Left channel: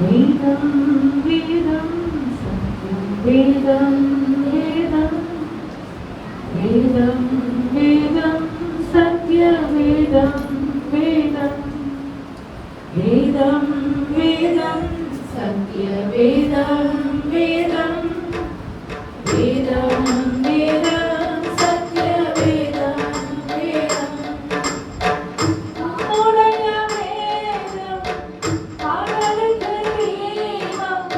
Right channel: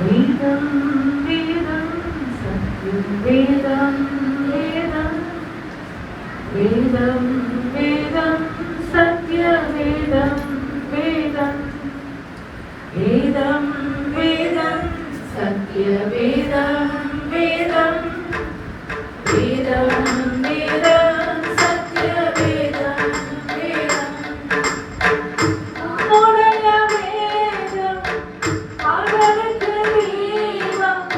வேதம் வேதம் சத்தியம் வேதம் வேதம் வேதம் வேதம் சத்திய வேதம் வேதம் வேதம் வேதம் சத்திய வேதம் வேதம் வேதம் வேதம் சத்திய வேதம் வேதம் உம்முடைய வேதம் பகலுக்கு தீபம்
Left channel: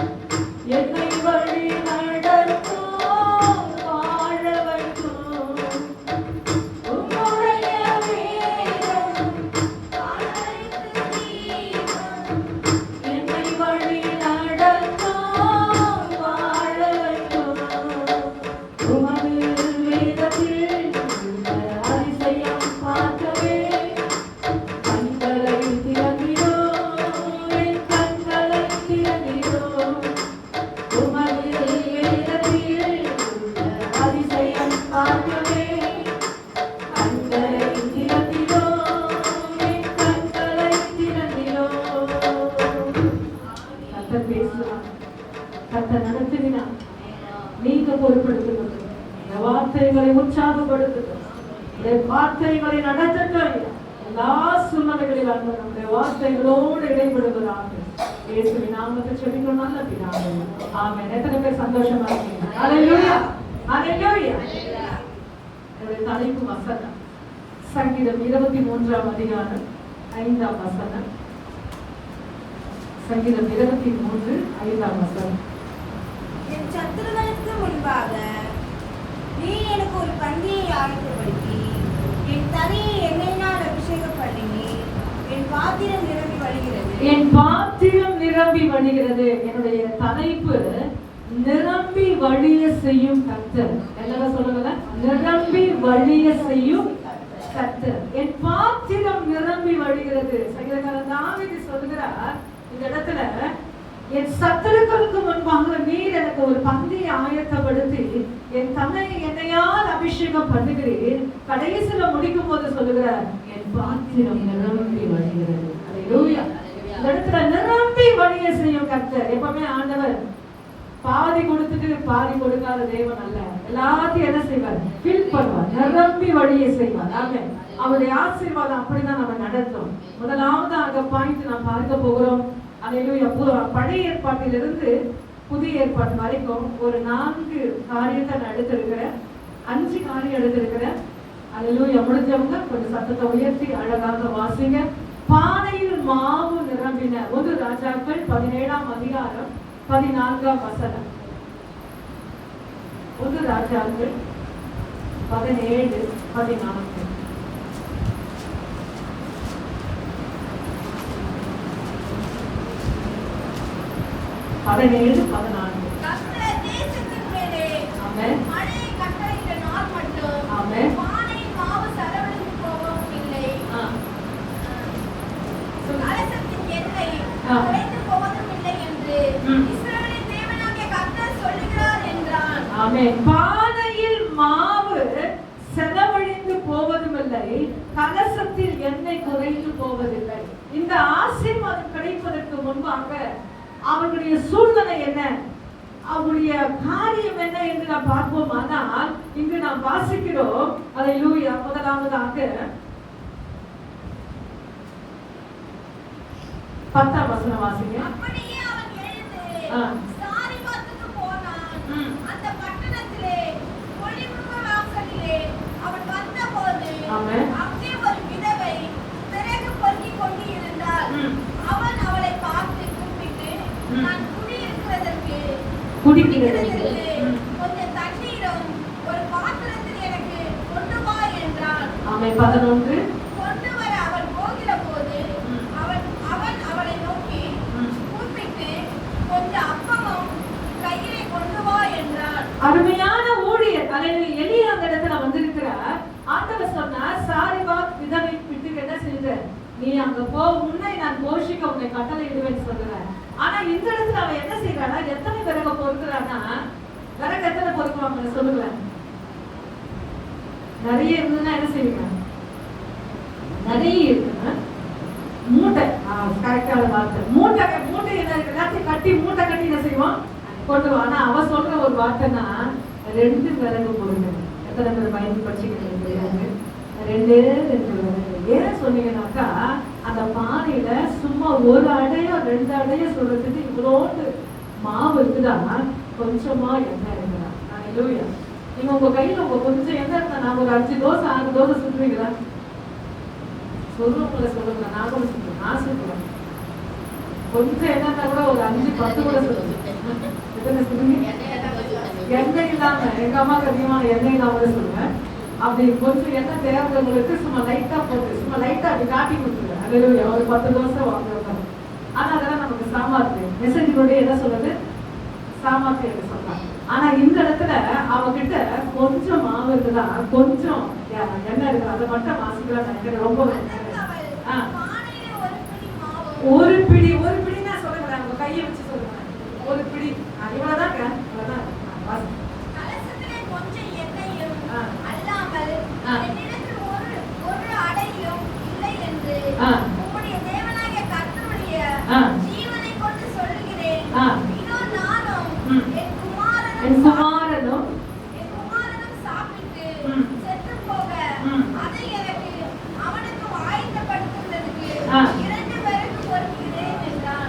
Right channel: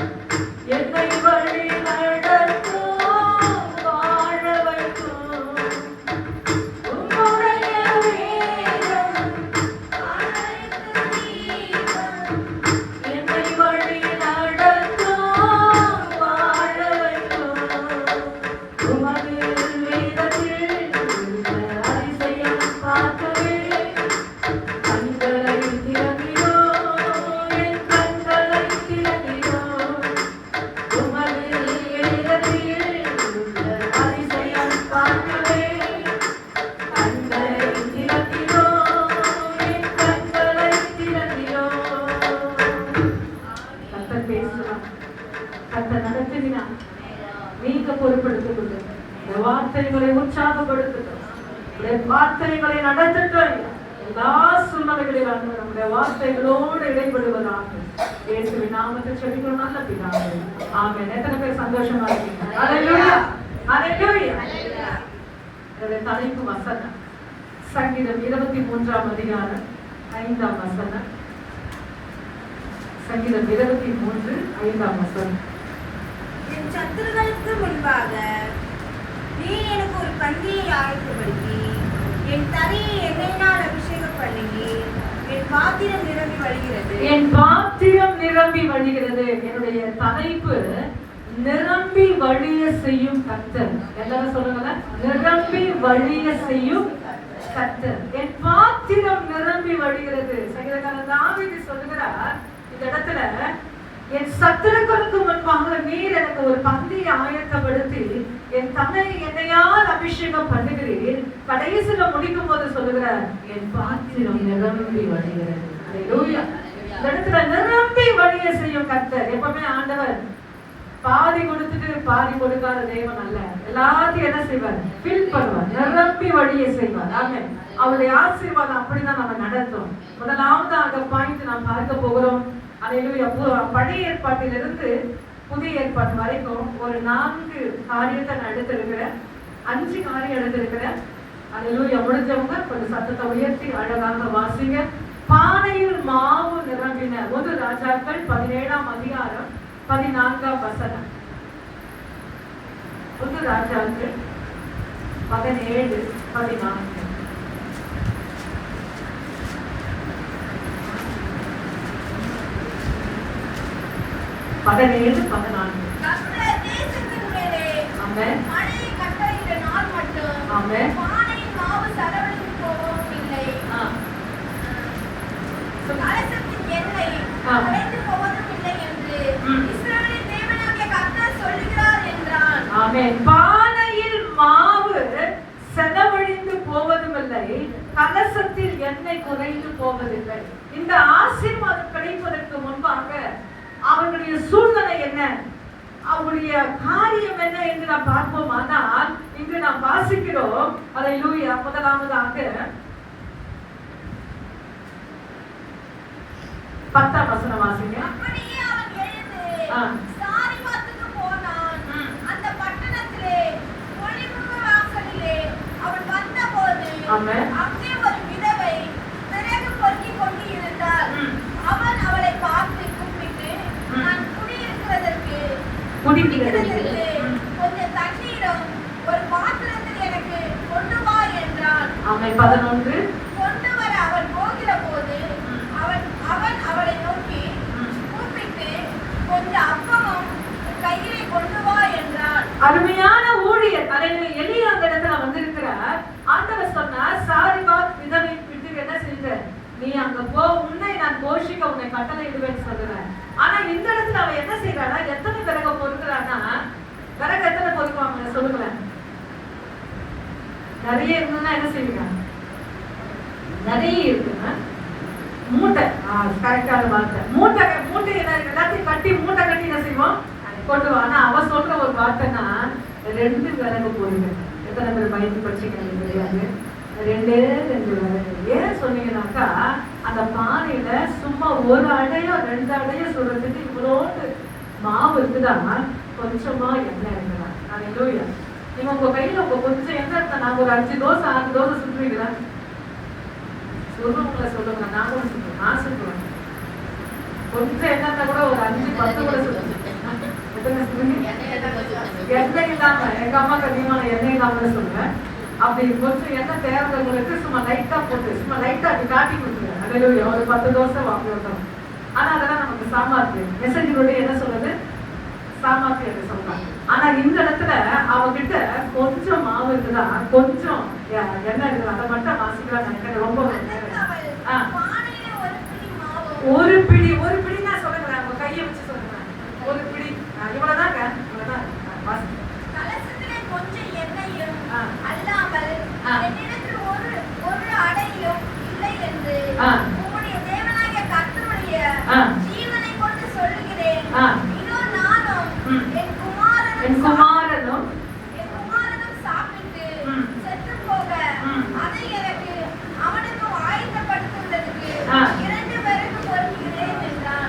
என்னை வழி நடத்தும் வாழ வைக்கும் உம்முடைய வேதம் பகலுக்கு தீபம் என்னை வழி நடத்தும் வாழ வைக்கும் உமது வேதத்தில் உள்ள அதிசயம் பார்க்கவே கண்களை திறந்திரோ என் கண்களை திறந்திரோ உமது வேதத்தில் உள்ள அதிசயம் பார்க்கவே கண்களை திறந்திரோ என் கண்களை திறந்திரோ. கர்த்தர் பேசுவார், கர்த்தர் நடத்துகிறார். நீங்க பொறுப்படுத்திக் கொள்ளுங்க. இந்த வார்த்தைகளை உற்சாகப்படுத்தட்டும், இந்த வார்த்தைகளை நடத்தட்டும். எல்லா சூழ்நிலைகளில் நம்முடைய வார்த்தைகளோடு இடைபடுவதாக இயேசுவின் நாமத்தில் செபிக்கிறோம் நல்ல பிதாவே. ஆமென். எத்தனை பேர் சந்தோஷமா இருக்கீங்க? ஹல்லேலூயா, ஹல்லேலூயா. இதோட தலைப்பு வசனம் சங்கீதம் 23 அதிகாரம் 5 வசனம். சங்கீதம் 23 5 வசனம். என் சத்துருக்களுக்கு முன்பாக நீ எனக்கு ஒரு பந்தியை ஆயத்தப்படுத்தி என் தலையை எண்ணெயினால் அபிஷேகம் பண்ணி என் பாத்திரம் நிரம்பி வழிகிறது. என் பாத்திரம் நிரம்பி வழிகிறது. என்னுடைய தலைப்பு நிரம்பி வழிய செய்யும் கர்த்தர். எல்லாரும் சொல்லுங்க, நிரம்பி வழிய செய்யும் கர்த்தர். என் பாத்திரம் நிரம்பி வழிகிறது. சங்கீதக்காரன் தாவீது சொல்லுகிறார் இந்த இடத்துல, என் சத்துருக்களுக்கு முன்பாக நீர் எனக்கு ஒரு பந்தியை ஆயத்தப்படுத்தி என் தன்னை என்னையால் அபிஷேகம் பண்ணுகிறேன். கடைசியில முடிக்கும் போது சொல்லுகிறார், என் பாத்திரம் நிரம்பி வழிகிறது. ஹல்லேலூயா. இந்த இடத்துல நிரம்பி வழிய செய்யும் கர்த்தர். எப்பவுமே ஆண்டவர் பாதி கொடுத்துட்டு பாதி கொடுக்காத தேவன் அல்ல. எல்லாத்தையும் என்ன செய்வார்? ஃபில் பண்ணுவார், நிரம்பி வழிய செய்வார். ஆமென். அவருடைய ஆசீர்வாதம் அப்படிதான் நம்ம நடத்தும். முதலாவது பாயிண்ட் நாம் பார்க்க போகிறோம். ஹல்லேலூயா. பழைய ஏற்பாட்டிலிருந்து புதிய ஏற்பாடு வரைக்கும் ஒரு 4 காரியத்தை நான் எடுத்திருக்கிறேன். 5 காரியம் எடுத்திருக்கிறேன். ஹல்லேலூயா. முடிஞ்சவங்க கொஞ்சம் சத்தத்தை உயர்த்தி அழகாக வாசிங்க. பானையில் மாவு நிரம்பின. 1 ராஜாக்கள் 17 அதிகாரம் 14 வசனம். 1 ராஜாக்கள் 17 14. கர்த்தர் தேசத்தின் மேலே மழையை கட்டளையிட்ட நாள் மட்டும் பானையின் மாவு செலவழிந்து போவதும் இல்லை, கலசத்தின் எண்ணெய் குறைந்து போவதும் இல்லை என்று இஸ்ரவேலின் தேவனாகிய கர்த்தர் சொல்லுகிறார் என்றான். ஆமென். பானையில் மாவு செலவழிந்து போவதும் இல்லை, கலசத்தில் எண்ணெய் குறைந்து போவதில்லை. இந்த ஆசீர்வாதம் கிடைப்பதற்கு முன்பாக அவர்களுடைய சூழ்நிலை என்ன, அவருடைய காரியம் என்ன என்று நாம் பார்ப்போம். ஆனால் இங்கு நாம் வாசிக்கிறோம். ஹல்லேலூயா. முதலாவதாக 10 வசனம் வாசிங்க. அப்படியே அவன் எழுந்து சாரிபாத்துக்கு போனான். அந்த பட்டணத்திலே ஒளிமுக வாசலிலே அவன் வந்தபோது அங்கே ஒரு விதவை விறகு பொறுக்கிக் கொண்டு இருந்தாள். அவன் அவளை பார்த்து கூப்பிட்டு, நான் குடிக்கிறதற்கு கொஞ்சம் தண்ணீரும் ஒரு பாத்திரத்தில் எனக்கு கொண்டு வா என்றான். 11 கொண்டு வர அவன் போகிற போது அவன் அவளை நோக்கி கூப்பிட்டு, கொஞ்சம் அப்பமும் கையிலே கொண்டு வா என்றான். அருமையான ஊழியர் எலியா அந்த இடத்துல வந்திருக்கிறார். ஆண்டவர் சொன்னார், சாரிபாத் விதவை விட்டு என்ன செஞ்ச, நீ அங்க போ, உன்னை நான் போஷிக்க உன்னை கட்டளையிடுவேன்னு சொல்லுறார். ஆனா இந்த இடத்துல அவன் என்ன செய்யறானா, எத்தனை விறகு பொறுக்கிறான்னா, விறகு எத்தனை பொறுக்குவாங்க சொல்லுங்களேன்? நிறைய இருக்குன்னா என்ன செய்வீங்க? நிறைய இருக்குன்னா மூட்டை. கரெக்டான வார்த்தை. மூட்டை என்ன இருக்கு? 2 விறகு போடுங்க. எத்தனை பேர் மைண்ட் படிச்சுக்க தெரியாது. 2 விறகு. ஏன் சொன்னீங்கன்னாக்கா அந்த பானையில சும்மா ஒரு அடையோ 2 அடையோ சொல்றதுக்கு இவ்வளோண்டு மாவு இருக்குதான்னா கொஞ்சமா எண்ணெய் இருக்கலாம். அல்லேலூயா. நீங்க உங்க கையில உங்க கொஞ்சம் எண்ணெய் இருந்தா நாங்க ஒரு 5 தோசை 6 தோசை சுட்டுவீங்களா? சொல்லுவீங்களா? சொல்லுங்க. நான் கூட சொல்லுவேன். நான் சொல்லுவேன். கொஞ்சம் எண்ணெய் கூட ஒரு 5 10 கூட சொல்லுவேன். எண்ணெய் இல்லாம எங்க அம்மாக்கு அதிகமான எண்ணெய் இல்லாம சொல்லுவேன். அப்படி கொஞ்சம் எண்ணெய் தேவைங்களுக்கு சும்மா லைட்டா போட்டு சும்மா லைட்டா அப்படி காட்டி கொடுத்துருவேன். அல்லேலூயா. ஒரு 10 தோசை வாங்குறோம். ஆனா அதெல்லாம் நமக்கு சாமாத்து. மெசேஜ் என்ன சொல்லுது? சாமாத்து என்று சொல்றாங்க. ஆனா இந்த இடத்துல அவகிட்ட கொஞ்சம் மாவு இருக்குதா, கொஞ்சம் எண்ணெய் இருக்கு, அதை மட்டும் வாசிக்கலாம் நினைக்கிறேன். ரொம்ப ஒரு பிடி நான் சொல்லுங்களேன். உங்க கையை வச்சு சொல்லுங்க. ஒரு பிடி இவ்வளவுதாங்க. இவ்வளவுதான் கொஞ்சம் எண்ணெயும் அல்லாமல் என்னிடத்தில் ஒரு அடையும் இல்லை என்று உம்முடைய தேவனாகிய கர்த்தருடைய ஜீவனை கொண்டு சொல்லுகிறேன். இதோ நானும் என் குமாரனும் சாப்பிட்டு செத்து போக அதை எனக்கு அவனுக்கு ஆயத்தப்படுத்துவதற்கு 2 விறகு பொறுக்கிறேன் என்றான்.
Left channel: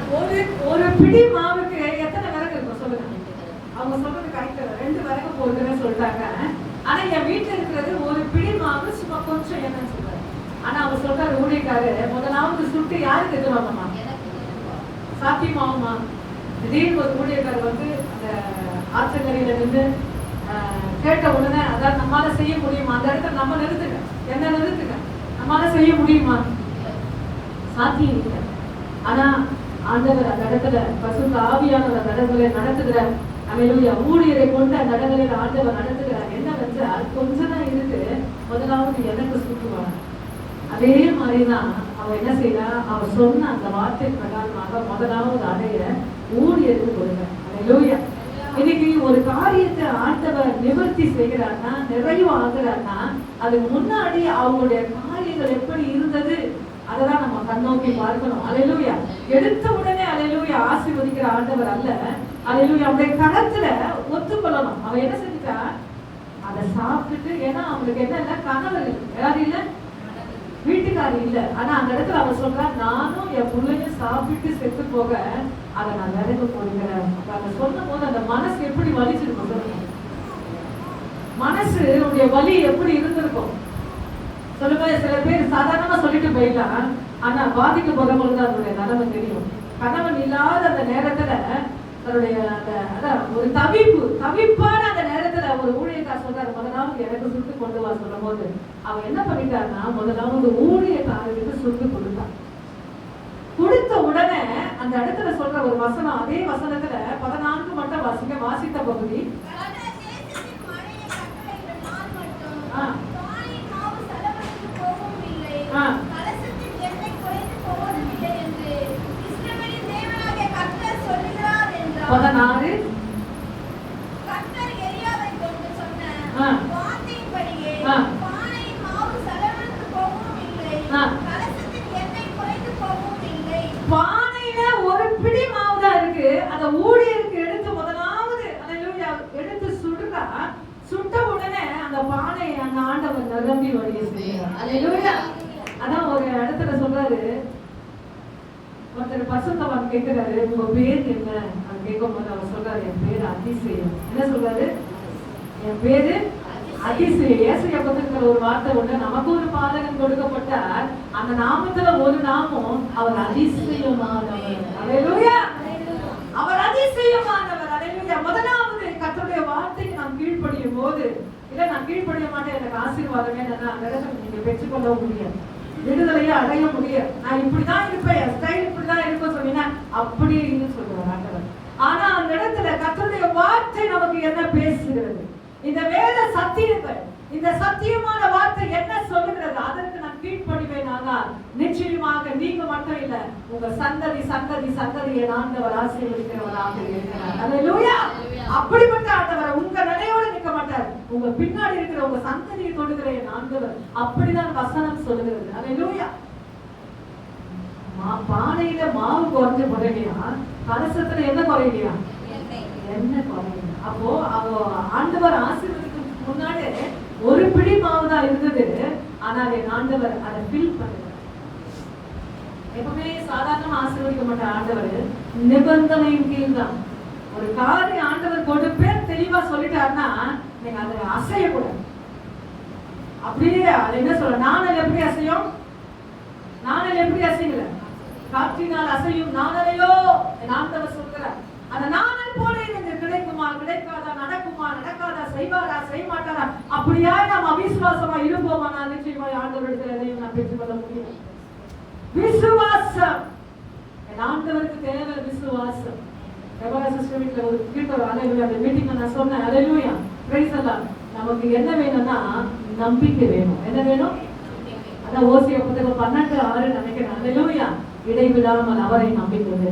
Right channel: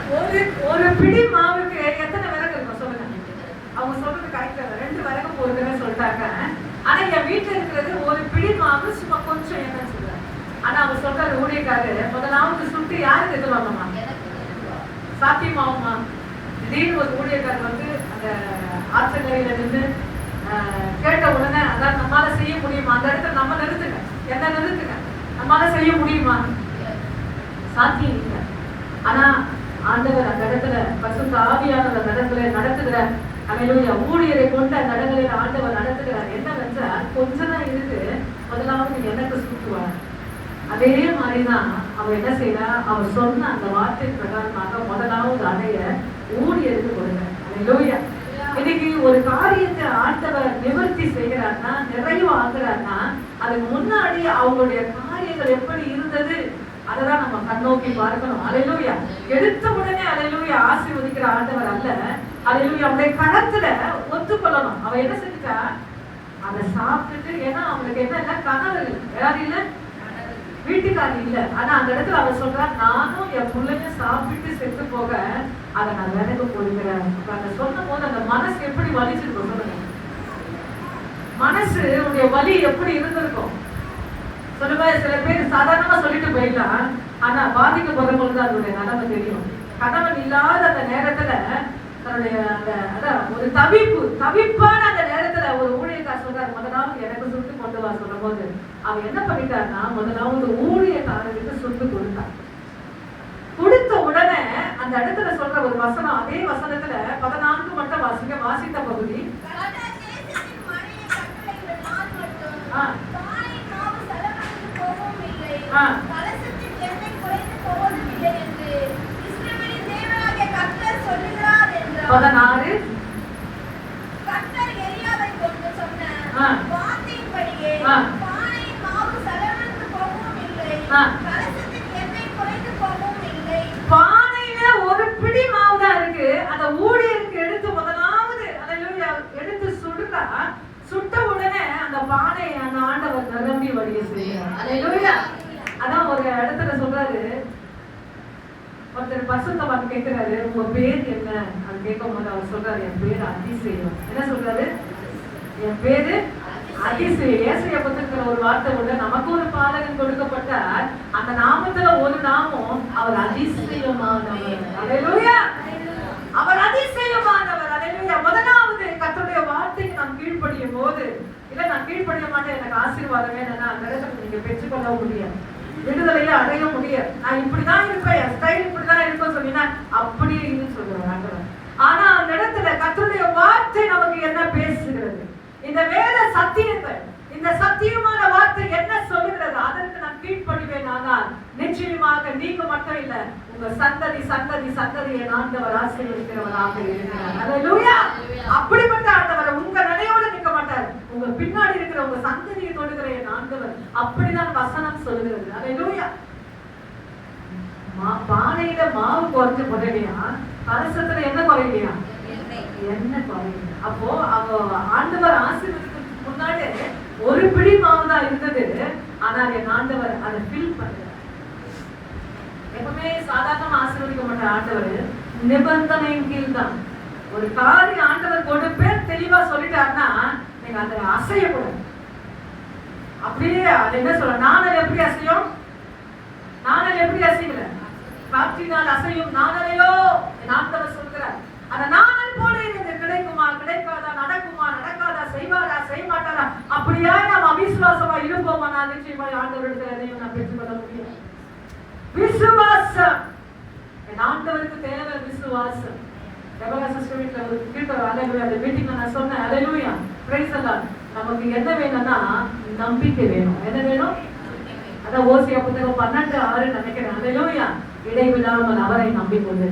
ஒரு பிடி மாவுக்கு எத்தனை விறகு இருக்கும் சொல்லுங்க. அவங்க சொல்றது கரெக்ட். 2 விறகு போடுறேன்னு சொல்லிட்டாங்க. ஆனா என் வீட்டுல இருக்கிறது ஒரு பிடி மாவு சும்மா கொஞ்சம் எண்ணெய் சொல்றாரு. ஆனா அவங்க சொல்றாரு ஊழியக்காரரு முதலாவது சுட்டு யாருக்கு எதுவாங்கம்மா? சாத்தியமாகுமா? திடீர்னு ஒரு ஊழியக்காரர் வந்து அந்த ஆற்றங்கரையில இருந்து கேட்ட உடனே அதாவது நம்மளால செய்ய முடியுமா? அந்த இடத்துல நம்ம நிறுத்துங்க. என்ன நிறுத்துங்க? நம்மளால செய்ய முடியுமா? சாத்தியம் இல்லை. ஆனா ஆண்டவர் அந்த இடத்துல பசுத்த ஆவியான அந்த இடங்களை நடத்துகிறார். அல்லேலூயா. ஊழியரை கொண்டு அந்த இடங்களில் ஆண்டவர் நடத்துகிறார். என்னவென்றால் கொஞ்சம் தான் இருக்கு. முதலாவது எனக்கு சுட்டுவார். அதே மாதிரிதான் அவர் என்ன செய்யறா? அவர் சொன்ன அந்த வார்த்தை பிரகாரமாக முதலாவது அடைய ஊழியருக்கு கொடுங்க. அல்லேலூயா. இன்னைக்கு ஒரு காரியத்தை ஆண்டவர் நிவர்த்தி செய்கிறார்னா, நிறைவு ஆகுறார்னா, அதுக்கு முன்னாடி அவங்களுடைய காரியங்கள் எப்படி இருந்தது அததான் நம்ம கண்ணோக்கி பார்க்கணும். அல்லேலூயா. எடுத்த உடனே அல்லேலூயா ஆசீர்வதிக்கிற ஆண்டவர் அல்ல. அல்லேலூயா. அவருடைய கரத்துல ஒத்துக்கொள்ளணும். அவ என்ன செஞ்சா? அதை சாப்பிட்டுட்டு, ஏன்னா அவனுக்கு என்ன இல்ல, கணவர் யாரும் இல்ல, வீட்டுக்காரி இல்ல. ஆனா அந்த இடத்துல அவ சொல்றா, நானும் என் பிள்ளையும் சாப்பிட்டு செத்து போக அதை நான் விறகு போடுகிறேன். அதை சொன்ன போது அந்த மனசு எப்படி வலிச்சிருக்கும் சொல்லுங்க. மனசு உடைய வலி எப்படி இருந்திருக்கும் சொல்லுவேன். சில பேர் சாதாரணமா சொல்லிட்டு போயிடலாம். ஆனா பாதிக்கப்படுறவங்களுக்கு தான் அதனுடைய நிலைமை தெரியும். கணவன் இல்லாத அந்த நேரத்துல தன்னுடைய அதான் ஒரு தவிப்பான அந்த நேரத்துல ஒரு ஊழியக்கார் சொல்றாரு, முதலாவது எனக்கு சுட்டு கொண்டு வா சொல்லும் போது அவன் என்ன பண்ணிட்டாருன்னா, முதலாவது ஊழியக்காரருக்கு சுட்டு கொடுத்தான். கொடுத்த உடனே அந்த இடத்துல சொல்ற ஒரு வசனம், அதே வசனத்துல 14 மட்டும் வாசித்த பகுதி. பானையில ஒரு பிடி மாவுதான் இருக்கு. அந்த ஊழியருக்கு எடுத்து முதலாவது எடுத்து சுடுறா. சுட்ட உடனே அந்த பானை அந்த ஆண்டவர் நிரம்பி வழிய செய்யறார். அதான் ஒரு இடத்துல சொல்றாரு, ஒருத்தர் பசுத்தவன் கேட்கிறாரு, உங்க பேர் என்ன? அது கேட்கும் போது அவர் சொல்றாரு, என் பேரு அதிசயம். என்ன சொல்றாரு? என் பேரு அதிசயம். ஏசாயா புத்தகத்துல ஒரு வார்த்தை உண்டு, நமக்கு ஒரு பாலகன் கொடுக்கப்பட்டார், அந்த நாமத்துல ஒரு நாமம், அவர் அதிசயமானவர். அல்லேலூயா. அவர் அதிசயமானவர். அல்லேலூயா. முதலாவது கர்த்தருடைய வார்த்தைக்கு நாம் கீழ்ப்படியும் போது, இல்ல நான் கீழ்ப்படிய மாட்டேன், எனக்கு ஆசீர்வாதமே என்னன்னா அந்த இடத்துல நீங்க பெற்றுக்கொள்ள முடியாது, விடுதலையை அடைய முடியாது. நான் இப்படிதான் இருப்பேன், என் ஸ்டைல் இப்படிதான் இருக்கும் சொன்னீங்கன்னா அப்படி சொல்லுவாங்க. ஆனா அந்த இடத்துல கர்த்தருடைய வார்த்தை நமக்கு என்ன பேசுகிறது? இந்த வேத சத்தியங்கள், இந்த சத்தியமான வார்த்தை என்ன சொல்லுகிறது? அதற்கு நான் கீழ்ப்படிவேன். ஆனால் நிச்சயமாக நீங்க மட்டும் இல்ல, உங்க சந்ததி சந்ததி சந்ததியை ஆண்டவர் ஆசீர்வதிக்கிறவராக இருக்கிறார். அல்லேலூயா. அப்படிப்பட்ட ஆண்டவர் உங்க நடையோடு நிற்க மாட்டார், உங்க பின்னாடி இருக்கிற உங்க சந்ததியை தொடுகிற என் ஆண்டவர். அப்படிதான் வசனம் சொல்லுகிறது. அல்லேலூயா. பானையில மாவு குறைஞ்ச உடனேயா கலசத்துல என்ன குறையிலையா? இல்லை. என்ன குறையும்? அப்போ அவ ஆண்டவர் ஆசீர்வதிக்கு முன்னாடி ஒரு பிடி மாவு தான் இருந்தது. ஆனா என் ஆண்டவர் அதை ஃபில் பண்ணல. எப்பவுமே சாதாரணமா ஆசீர்வதிக்க மாட்டார் ஆண்டவர், நிபந்தனையின் கீழ் தான். ஒரு காரியம் ஆண்டவர் கொடுப்பேன் தெளிவா சொல்லிட்டாருன்னா நீங்க அதை அசையக்கூடாது. அப்படியே அது என்ன சொல்ற, நாணல் எப்படி அசையும்? நாணல் எப்படி அசையல? காற்றினால் அசையும் நாணலையோ என் ஆண்டவர் சொல்கிறார். அந்த நாணல் போல எனக்கு கிடைக்குமா கிடைக்காதா, நடக்குமா நடக்காதா, செய்வாரா செய்ய மாட்டாரா, அப்படியா நாம் அவிசுவாசமா இருப்போமா? நான் நிச்சயமா ஆண்டவரிடத்தில் எதையும் நான் பெற்றுக்கொள்ள முடியும். விசுவாசம் என் ஆண்டவருக்கு தேவை. விசுவாசம். சிஸ்டர் வீட்டுல ஒரு கீழ்த்தர் அலையில அந்த மீட்டிங்ல நான் சொன்னேன், அலையிலூயா பிரைஸ் எல்லாம். நமக்கு என்ன வேணும்னா நம்பிக்கை வேணும். என்ன வேணும்? அதான் ஓசியா புத்தகம் 12:6 நினைக்கிறேன். அலையிலூயா இடைவிடாமல் அவரை நம்பிக்கொண்டு.